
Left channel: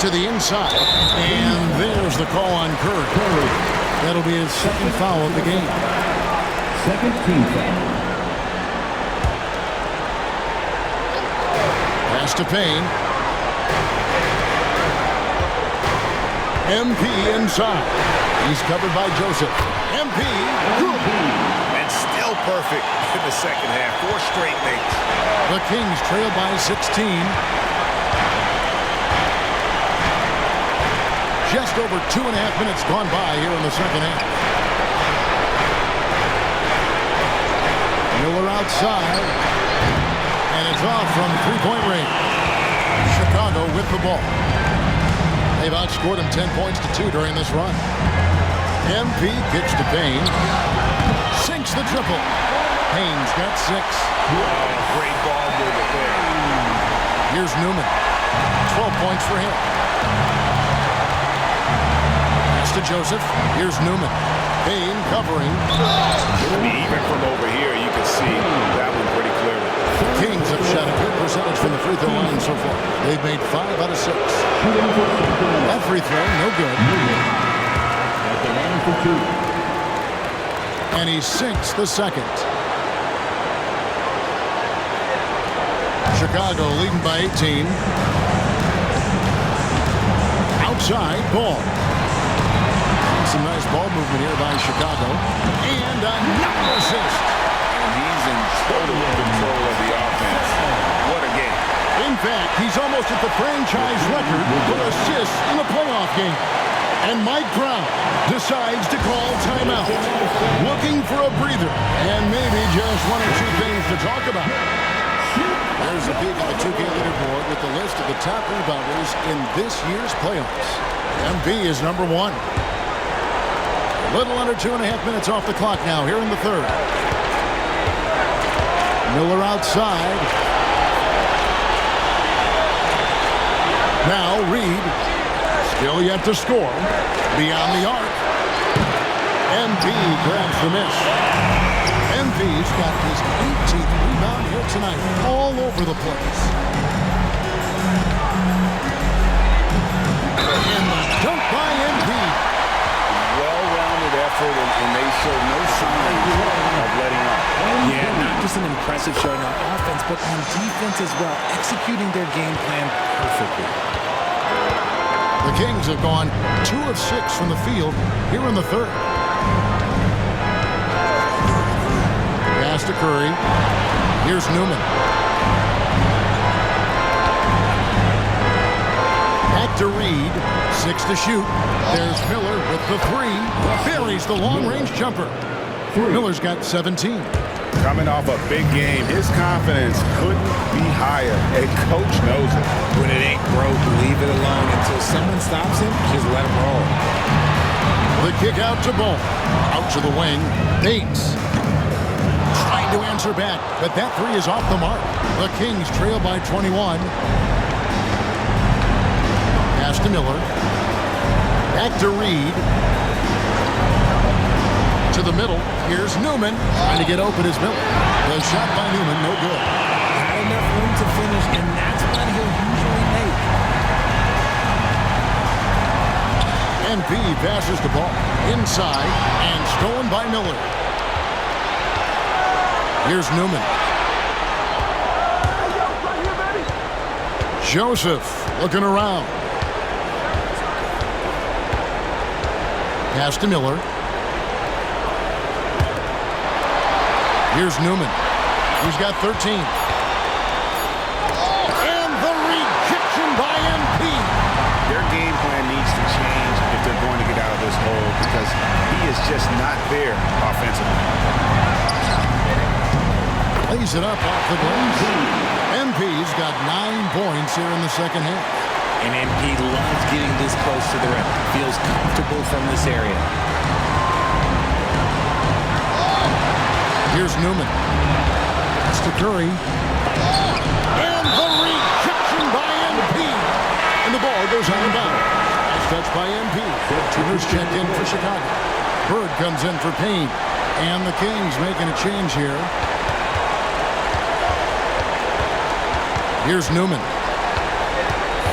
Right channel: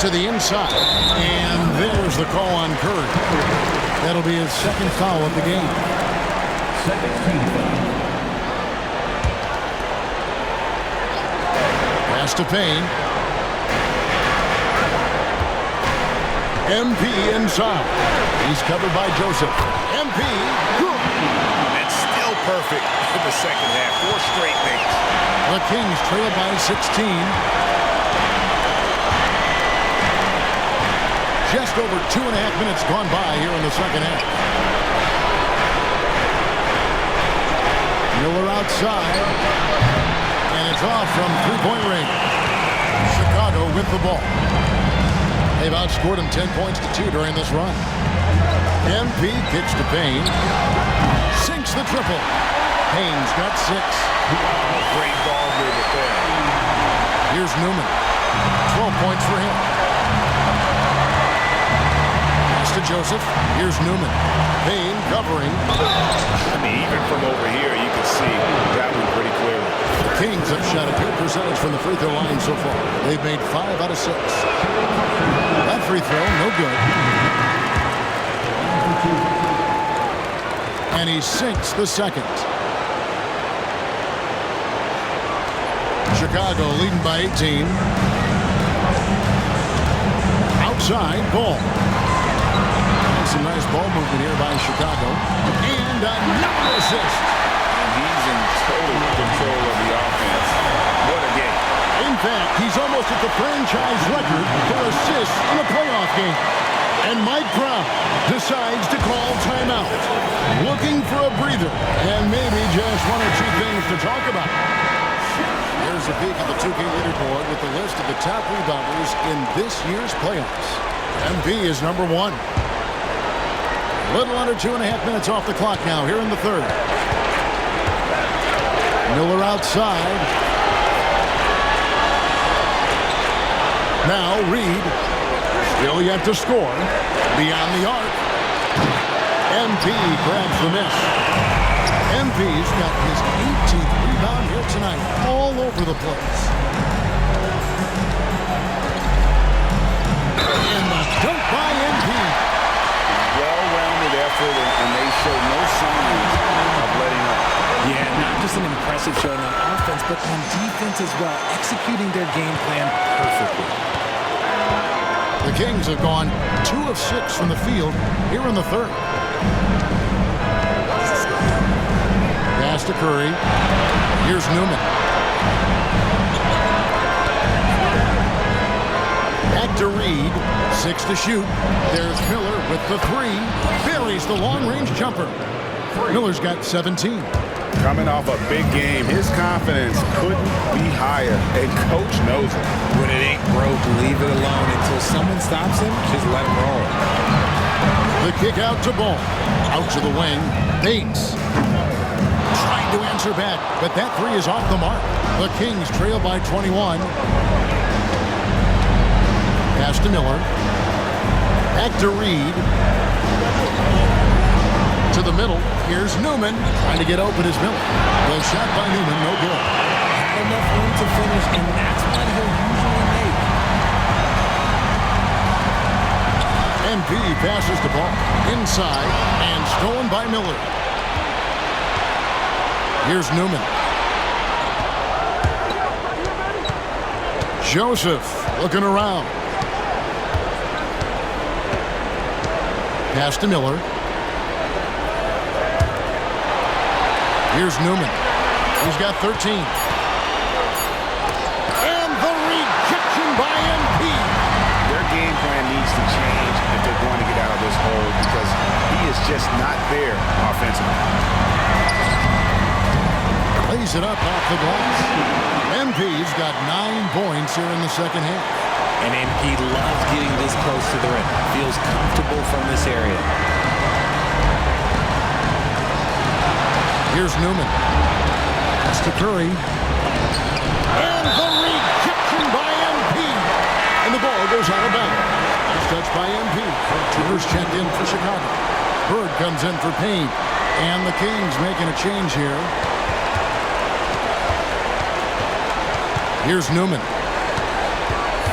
To the inside, and there's the call on Curry. That'll be his second foul of the game. Second team foul. Pass to Payne. MP inside. He's covered by Joseph. MP, good. And still perfect in the second half. 4 straight makes. The Kings trail by 16. Just over 2.5 minutes gone by here in the second half. Miller outside. And it's off from three-point range. Chicago with the ball. They've outscored him 10 points to 2 during this run. MP kicks to Payne. Sinks the triple. Payne's got 6. Oh, great ball movement there. Here's Newman. 12 points for him. Pass to Joseph. Here's Newman. Payne covering. I mean, even from over here, you can see that one pretty clearly. The Kings have shot a good percentage from the free throw line so far. They've made 5 out of 6. That free throw, no good. And he sinks the second. Chicago leading by 18. Outside, ball. Some nice ball movement here by Chicago. And another assist. And he's in total control of the offense. What a game. In fact, he's almost at the franchise record for assists in a playoff game. And Mike Brown decides to call timeout. Looking for a breather and maybe just 1 or 2 things to talk about. Here's a peek at the 2K leaderboard with the list of the top rebounders in this year's playoffs. MP is number 1. Little under 2.5 minutes off the clock now here in the third. Miller outside. Now Reed. Still yet to score. Beyond the arc. MP grabs the miss. MP's got his 18th rebound here tonight. All over the place. And the dunk by MP. Well-rounded effort, and they show no signs of letting up. Yeah, not just an impressive showing on offense, but on defense as well, executing their game plan perfectly. The Kings have gone 2 of 6 from the field here in the third. Pass to Curry. Here's Newman. Back to Reed. 6 to shoot. There's Miller with the 3. Buries the long-range jumper. Miller's got 17. Coming off a big game, his confidence couldn't be higher, and coach knows it. When it ain't broke, leave it alone until someone stops him. Just let him roll. The kick out to Ball. Out to the wing. Bates. Trying to answer back, but that 3 is off the mark. The Kings trail by 21. Pass to Miller. Back to Reed. To the middle. Here's Newman. Trying to get open is Miller. The shot by Newman, no good. Had enough room to finish, and that's what he'll usually make. MP passes the ball inside and stolen by Miller. Here's Newman. Joseph looking around. Pass to Miller. Here's Newman. He's got 13. And the rejection by MP. their game plan needs to change if they're going to get out of this hole because he is just not there offensively. Lays it up off the glass. MP's got 9 points here in the second half. And MP loves getting this close to the rim. Feels comfortable from this area. Here's Newman. That's to Curry. And the rejection by MP. And the ball goes out of bounds. Nice touch by MP. Turner's checked in for Chicago. Bird comes in for Payne. And the Kings making a change here. Here's Newman.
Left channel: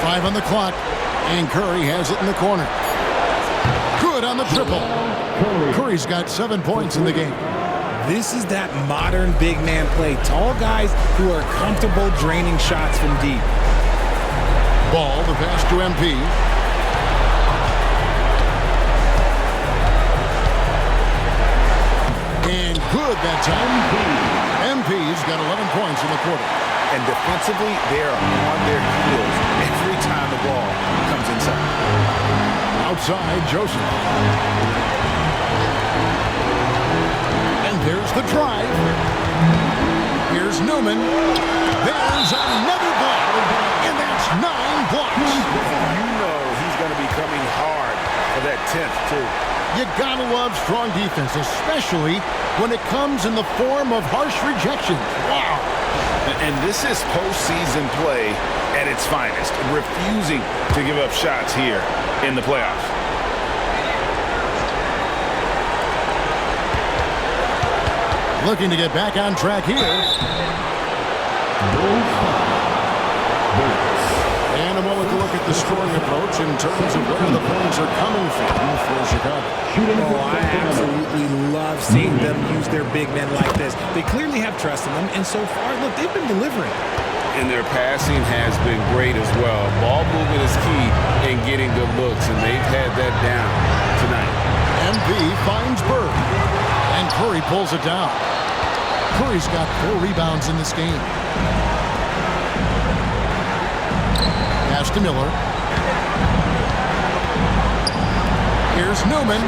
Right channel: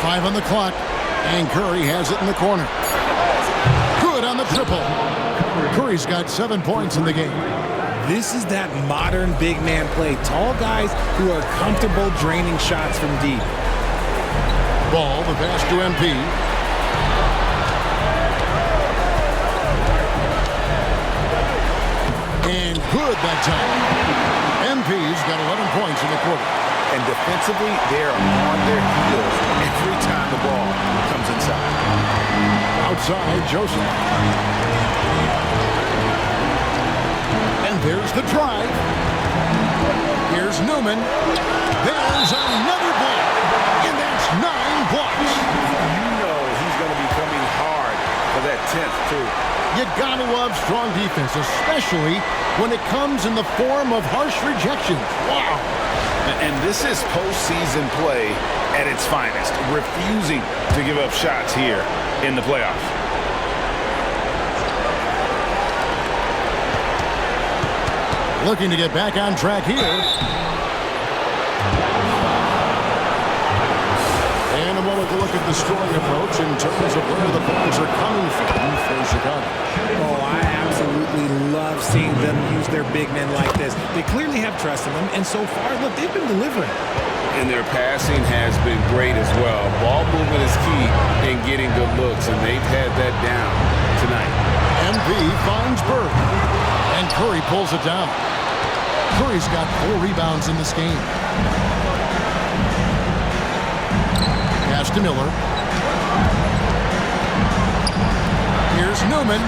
5 on the clock. And Curry has it in the corner. Good on the triple. Curry's got 7 points in the game. This is that modern big man play. Tall guys who are comfortable draining shots from deep. Ball, the pass to MP. And good that time. MP's got 11 points in the quarter. And defensively, they are on their heels every time the ball comes inside. Outside, Joseph. And there's the drive. Here's Newman. There's another block. And that's 9 blocks. You know he's going to be coming hard for that 10th, too. You gotta love strong defense, especially when it comes in the form of harsh rejections. Wow. And this is postseason play at its finest, refusing to give up shots here in the playoffs. Looking to get back on track here. And a moment to look at the scoring approach in terms of where the points are coming from for Chicago. Oh, I absolutely love seeing them use their big men like this. They clearly have trust in them, and so far, look, they've been delivering. And their passing has been great as well. Ball movement is key in getting good looks, and they've had that down tonight. MP finds Bird, and Curry pulls it down. Curry's got 4 rebounds in this game. Pass to Miller. Here's Newman.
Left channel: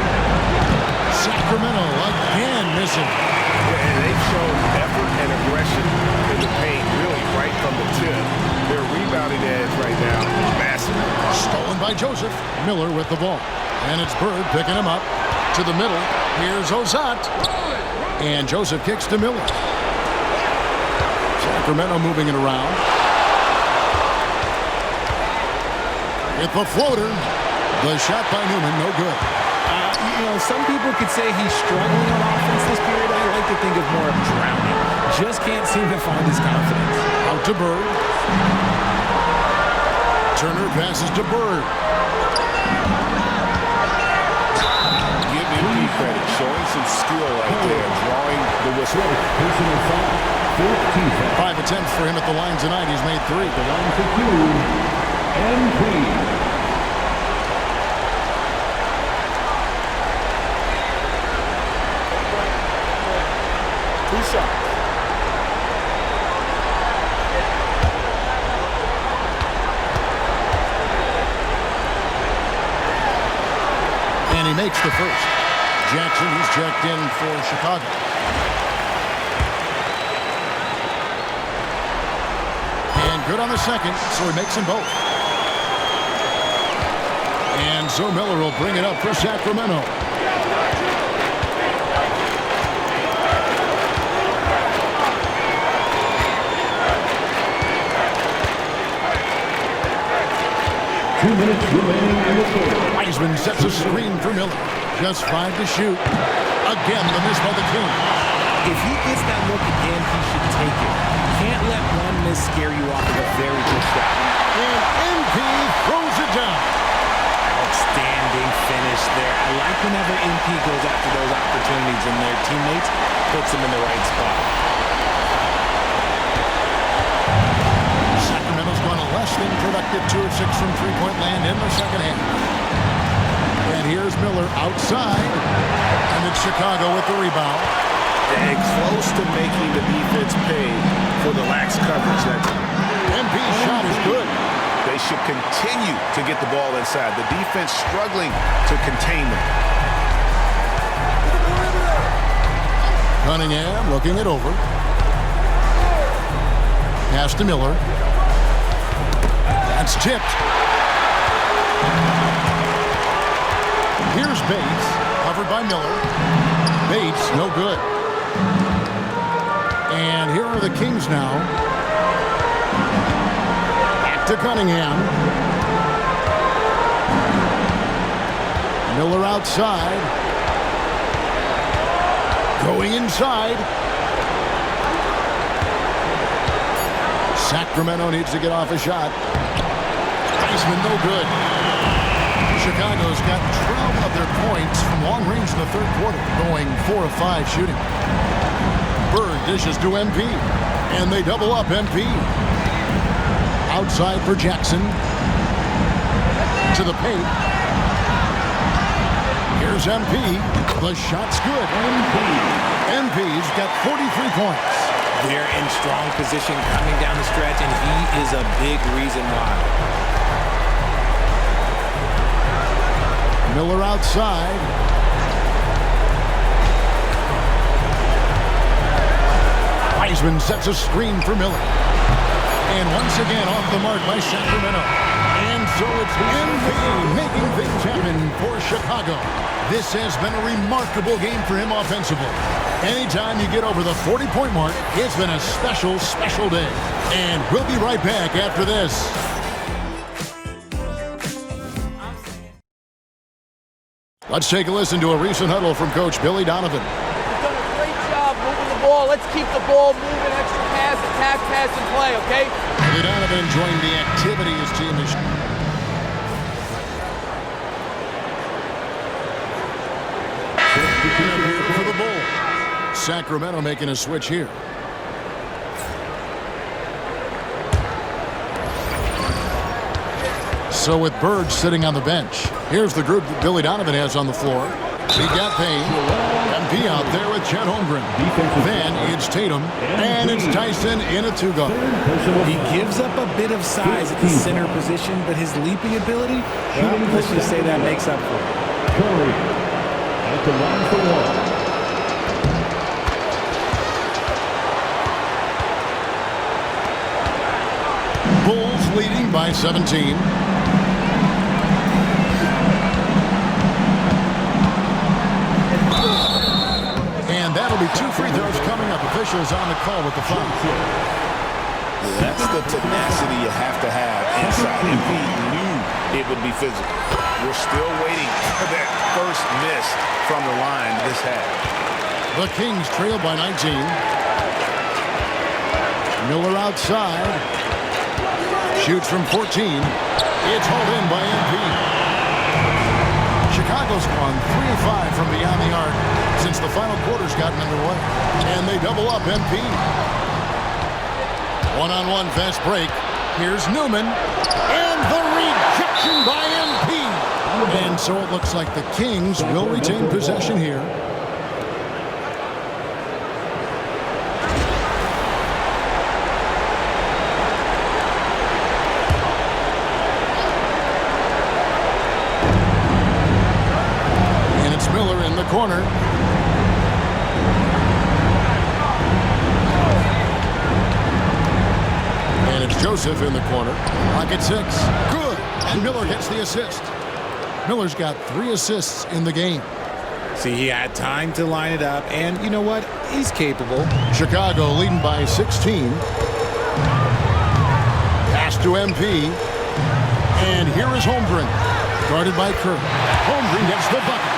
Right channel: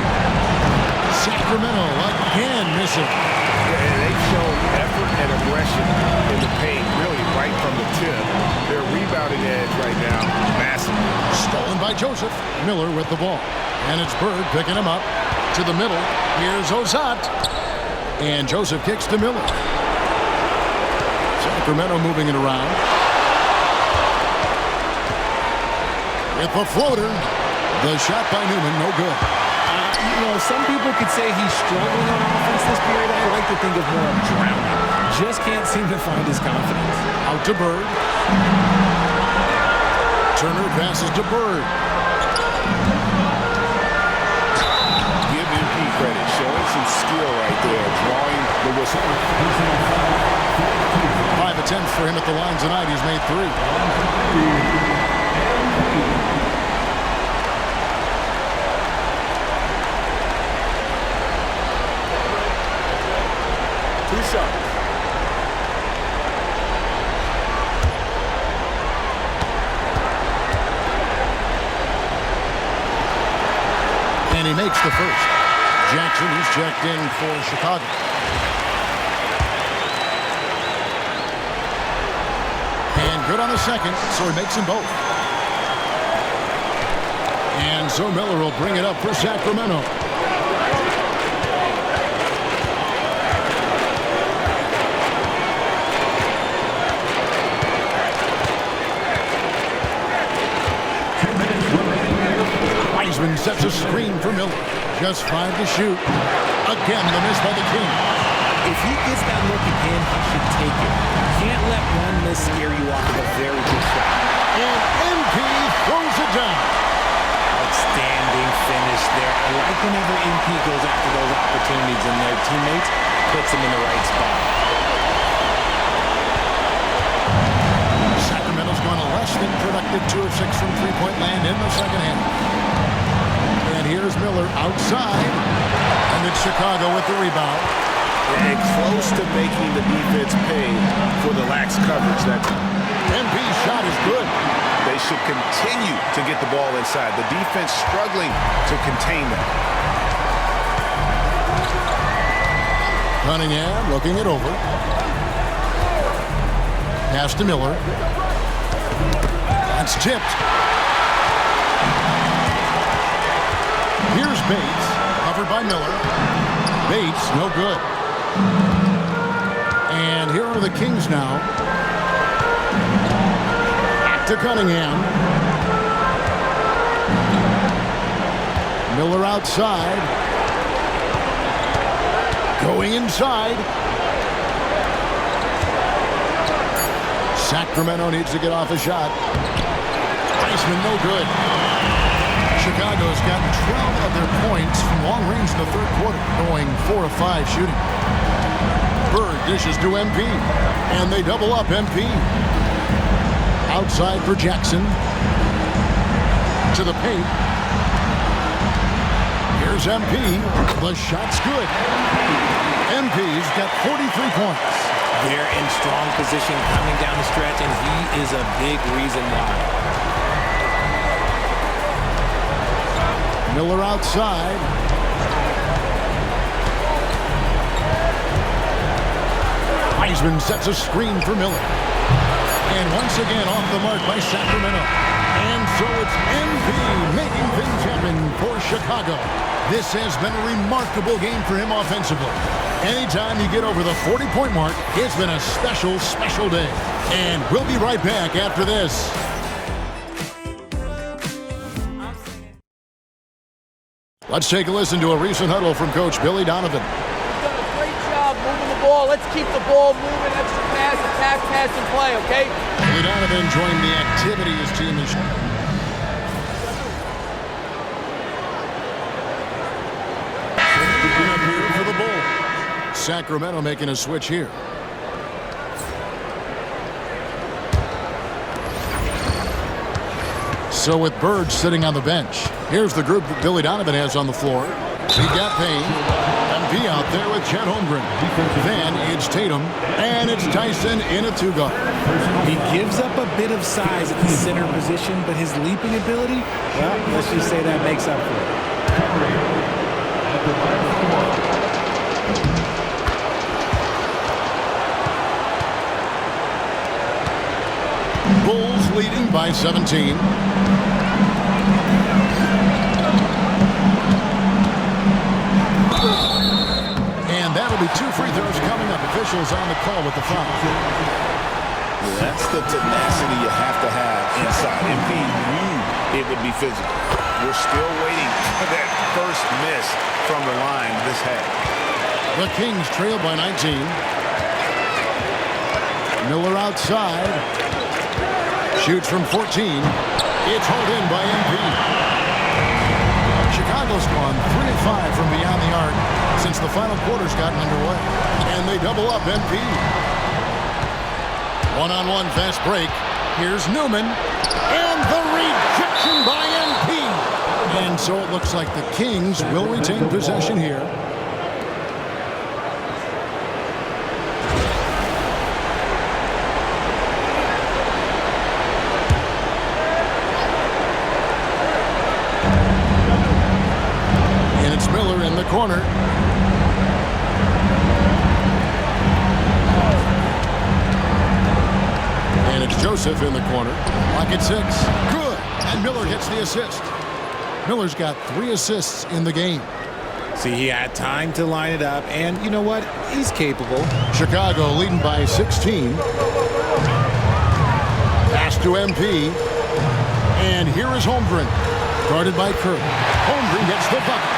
Sacramento again missing. Yeah, and they've shown effort and aggression in the paint, really right from the tip. Their rebounding edge right now, massive. Stolen by Joseph. Miller with the ball. And it's Bird picking him up to the middle. Here's Ozat. And Joseph kicks to Miller. Sacramento moving it around. With the floater. The shot by Newman, no good. You know, some people could say he's struggling on offense this period. I like to think of more of drowning. Just can't seem to find his confidence. Out to Bird. Turner passes to Bird. Give MP credit, showing some skill right there, drawing the whistle. 5 attempts for him at the line tonight. He's made 3. Line for 2, MP. 2 shots. And he makes the first. Jackson, he's checked in for Chicago. And good on the second, so he makes them both. And so Miller will bring it up for Sacramento. Wiseman sets a screen for Miller. Just 5 to shoot. Again, the miss by the Kings. If he gets that look again, he should take it. You can't let one miss scare you off of a very good shot. And MP throws it down. Outstanding finish there. I like whenever MP goes after those opportunities and their teammates puts them in the right spot. Sacramento's gone a less than productive 2 of 6 from three-point land in the second half. And here's Miller outside. And it's Chicago with the rebound. And close to making the defense pay for the lax coverage that time. MP's shot is good. They should continue to get the ball inside. The defense struggling to contain them. Cunningham looking it over. Pass to Miller. That's tipped. Here's Bates, covered by Miller. Bates, no good. And here are the Kings now. Back to Cunningham. Miller outside. Going inside. Sacramento needs to get off a shot. Naismith, no good. Chicago's gotten 12 of their points from long range in the third quarter, going 4 of 5 shooting. Bird dishes to MP, and they double up MP. Outside for Jackson. To the paint. Here's MP. The shot's good. MP's got 43 points. They're in strong position coming down the stretch, and he is a big reason why. Miller outside. Wiseman sets a screen for Miller. And once again off the mark by Sacramento. And so it's MP making things happen for Chicago. This has been a remarkable game for him offensively. Anytime you get over the 40-point mark, it's been a special, special day. And we'll be right back after this. Let's take a listen to a recent huddle from Coach Billy Donovan. He's done a great job moving the ball. Let's keep the ball moving, extra pass, attack, pass, and play, okay? Billy Donovan joined the activity his team is. Up here for the Bulls. Sacramento making a switch here. So with Bird sitting on the bench, here's the group that Billy Donovan has on the floor. He got Payne. MP out there with Chet Holmgren. Then it's Tatum, and it's Tyson in a two-guard. He gives up a bit of size at the center position, but his leaping ability, well, let's just say that makes up for it. Curry at the line for one. Bulls leading by 17. And that'll be 2 free throws coming up. Officials on the call with the foul. That's the tenacity you have to have inside. MP knew it would be physical. We're still waiting for that first miss from the line this half. The Kings trail by 19. Miller outside. Shoots from 14. It's hauled in by MP. Chicago's gone 3 of 5 from beyond the arc since the final quarter's gotten underway. And they double up MP. One-on-one fast break. Here's Newman. And the rejection by MP. And so it looks like the Kings will retain possession here. And it's Miller in the corner. And it's Joseph in the corner. Lock at 6. Good. And Miller gets the assist. Miller's got 3 assists in the game. See, he had time to line it up, and you know what? He's capable. Chicago leading by 16. Pass to MP. And here is Holmgren. Guarded by Kerr. Holmgren gets the bucket.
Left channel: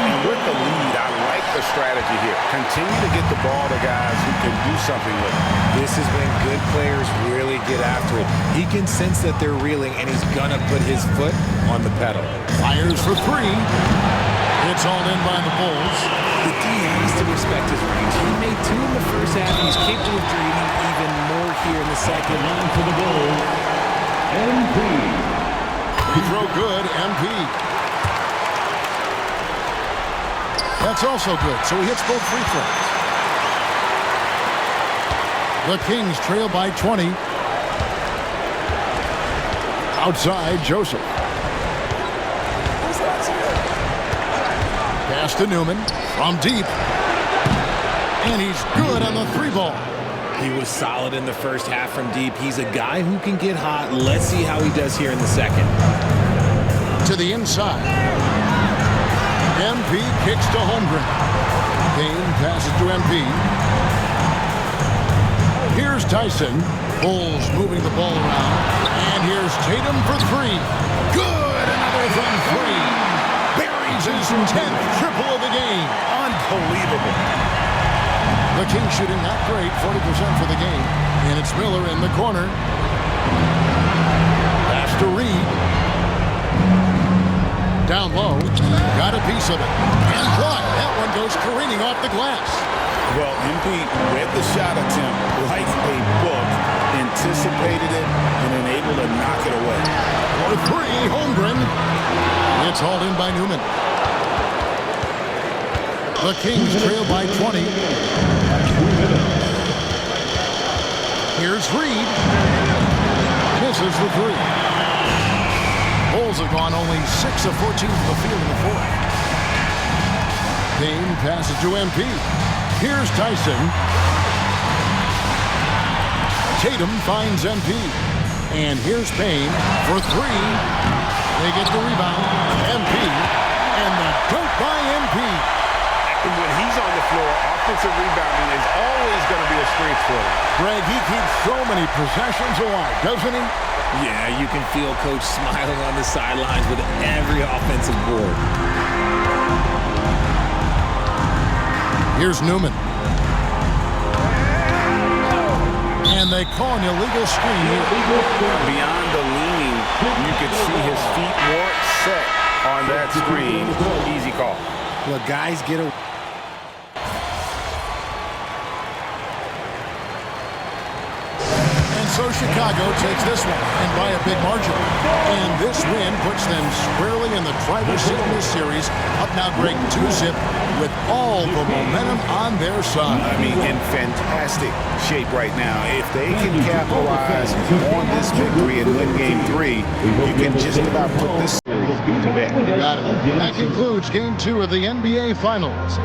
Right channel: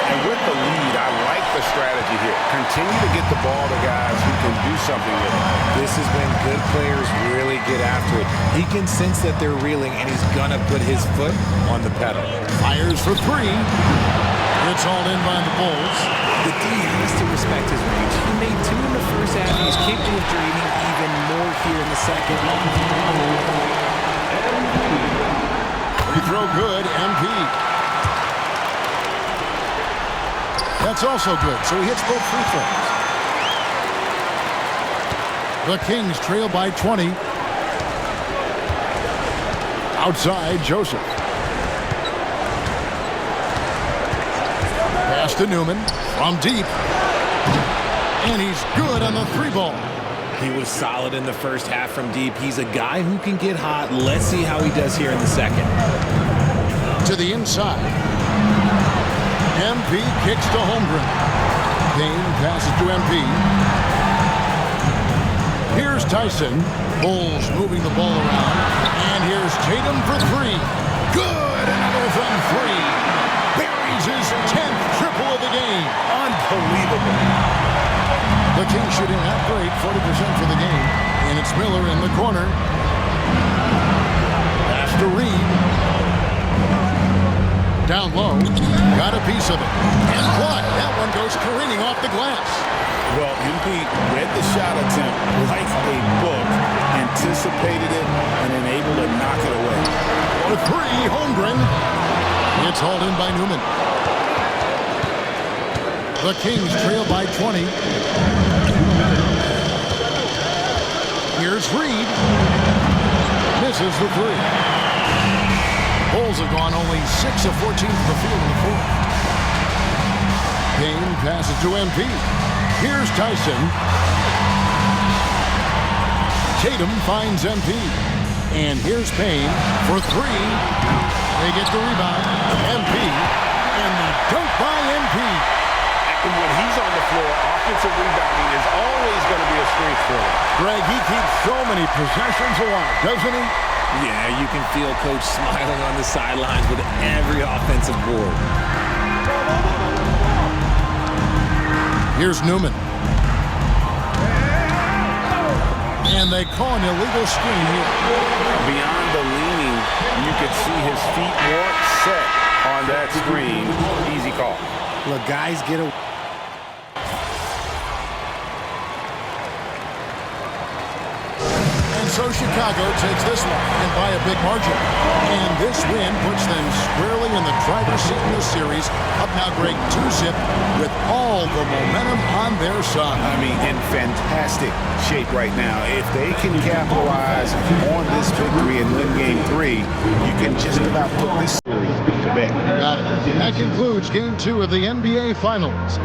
And with the lead, I like the strategy here. Continue to get the ball to guys who can do something with it. This is when good players really get after it. He can sense that they're reeling, and he's going to put his foot on the pedal. Fires for 3. It's all in by the Bulls. The D has to respect his range. He made 2 in the first half. He's capable of draining even more here in the second. Free throw good, MP. That's also good, so he hits both free throws. The Kings trail by 20. Outside, Joseph. Pass to Newman from deep. And he's good on the 3-ball. He was solid in the first half from deep. He's a guy who can get hot. Let's see how he does here in the second. To the inside. MP kicks to Holmgren. Payne passes to MP. Here's Tyson. Bulls moving the ball around. And here's Tatum for 3. Good! Another from 3. Buries his 10th triple of the game. Unbelievable. The Kings shooting not great, 40% for the game. And it's Miller in the corner. Pass to Reed. Down low. Got a piece of it. And blocked. That one goes careening off the glass. Well, MP read the shot attempt like a book, anticipated it, and then able to knock it away. For 3, Holmgren. It's hauled in by Newman. The Kings trail by 20. Here's Reed. Misses the 3. Bulls have gone only 6 of 14 from the field in the 4th. Payne passes to MP. Here's Tyson. Tatum finds MP. And here's Payne for 3. They get the rebound. MP. And the dunk by MP. When he's on the floor, offensive rebounding is always going to be a strength for him. Greg, he keeps so many possessions alive, doesn't he? Yeah, you can feel Coach smiling on the sidelines with every offensive board. Here's Newman. And they call an illegal screen here. Beyond the leaning, you could see his feet more set on that screen. Easy call. Look, guys get a... And so Chicago takes this one, and by a big margin. And this win puts them squarely in the driver's seat in this series. Up now, Greg, 2-zip with all the momentum on their side. I mean, in fantastic shape right now. If they can capitalize on this victory and win Game 3, you can just about put this series to bed. Got it. That concludes Game 2 of the NBA Finals.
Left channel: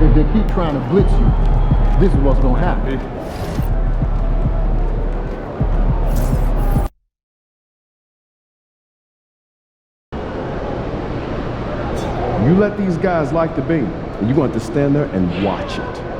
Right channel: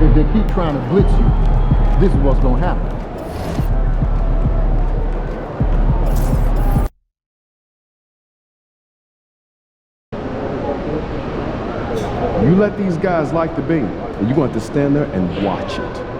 If they keep trying to blitz you, this is what's going to happen. You let these guys like the beam, and you're going to have to stand there and watch it.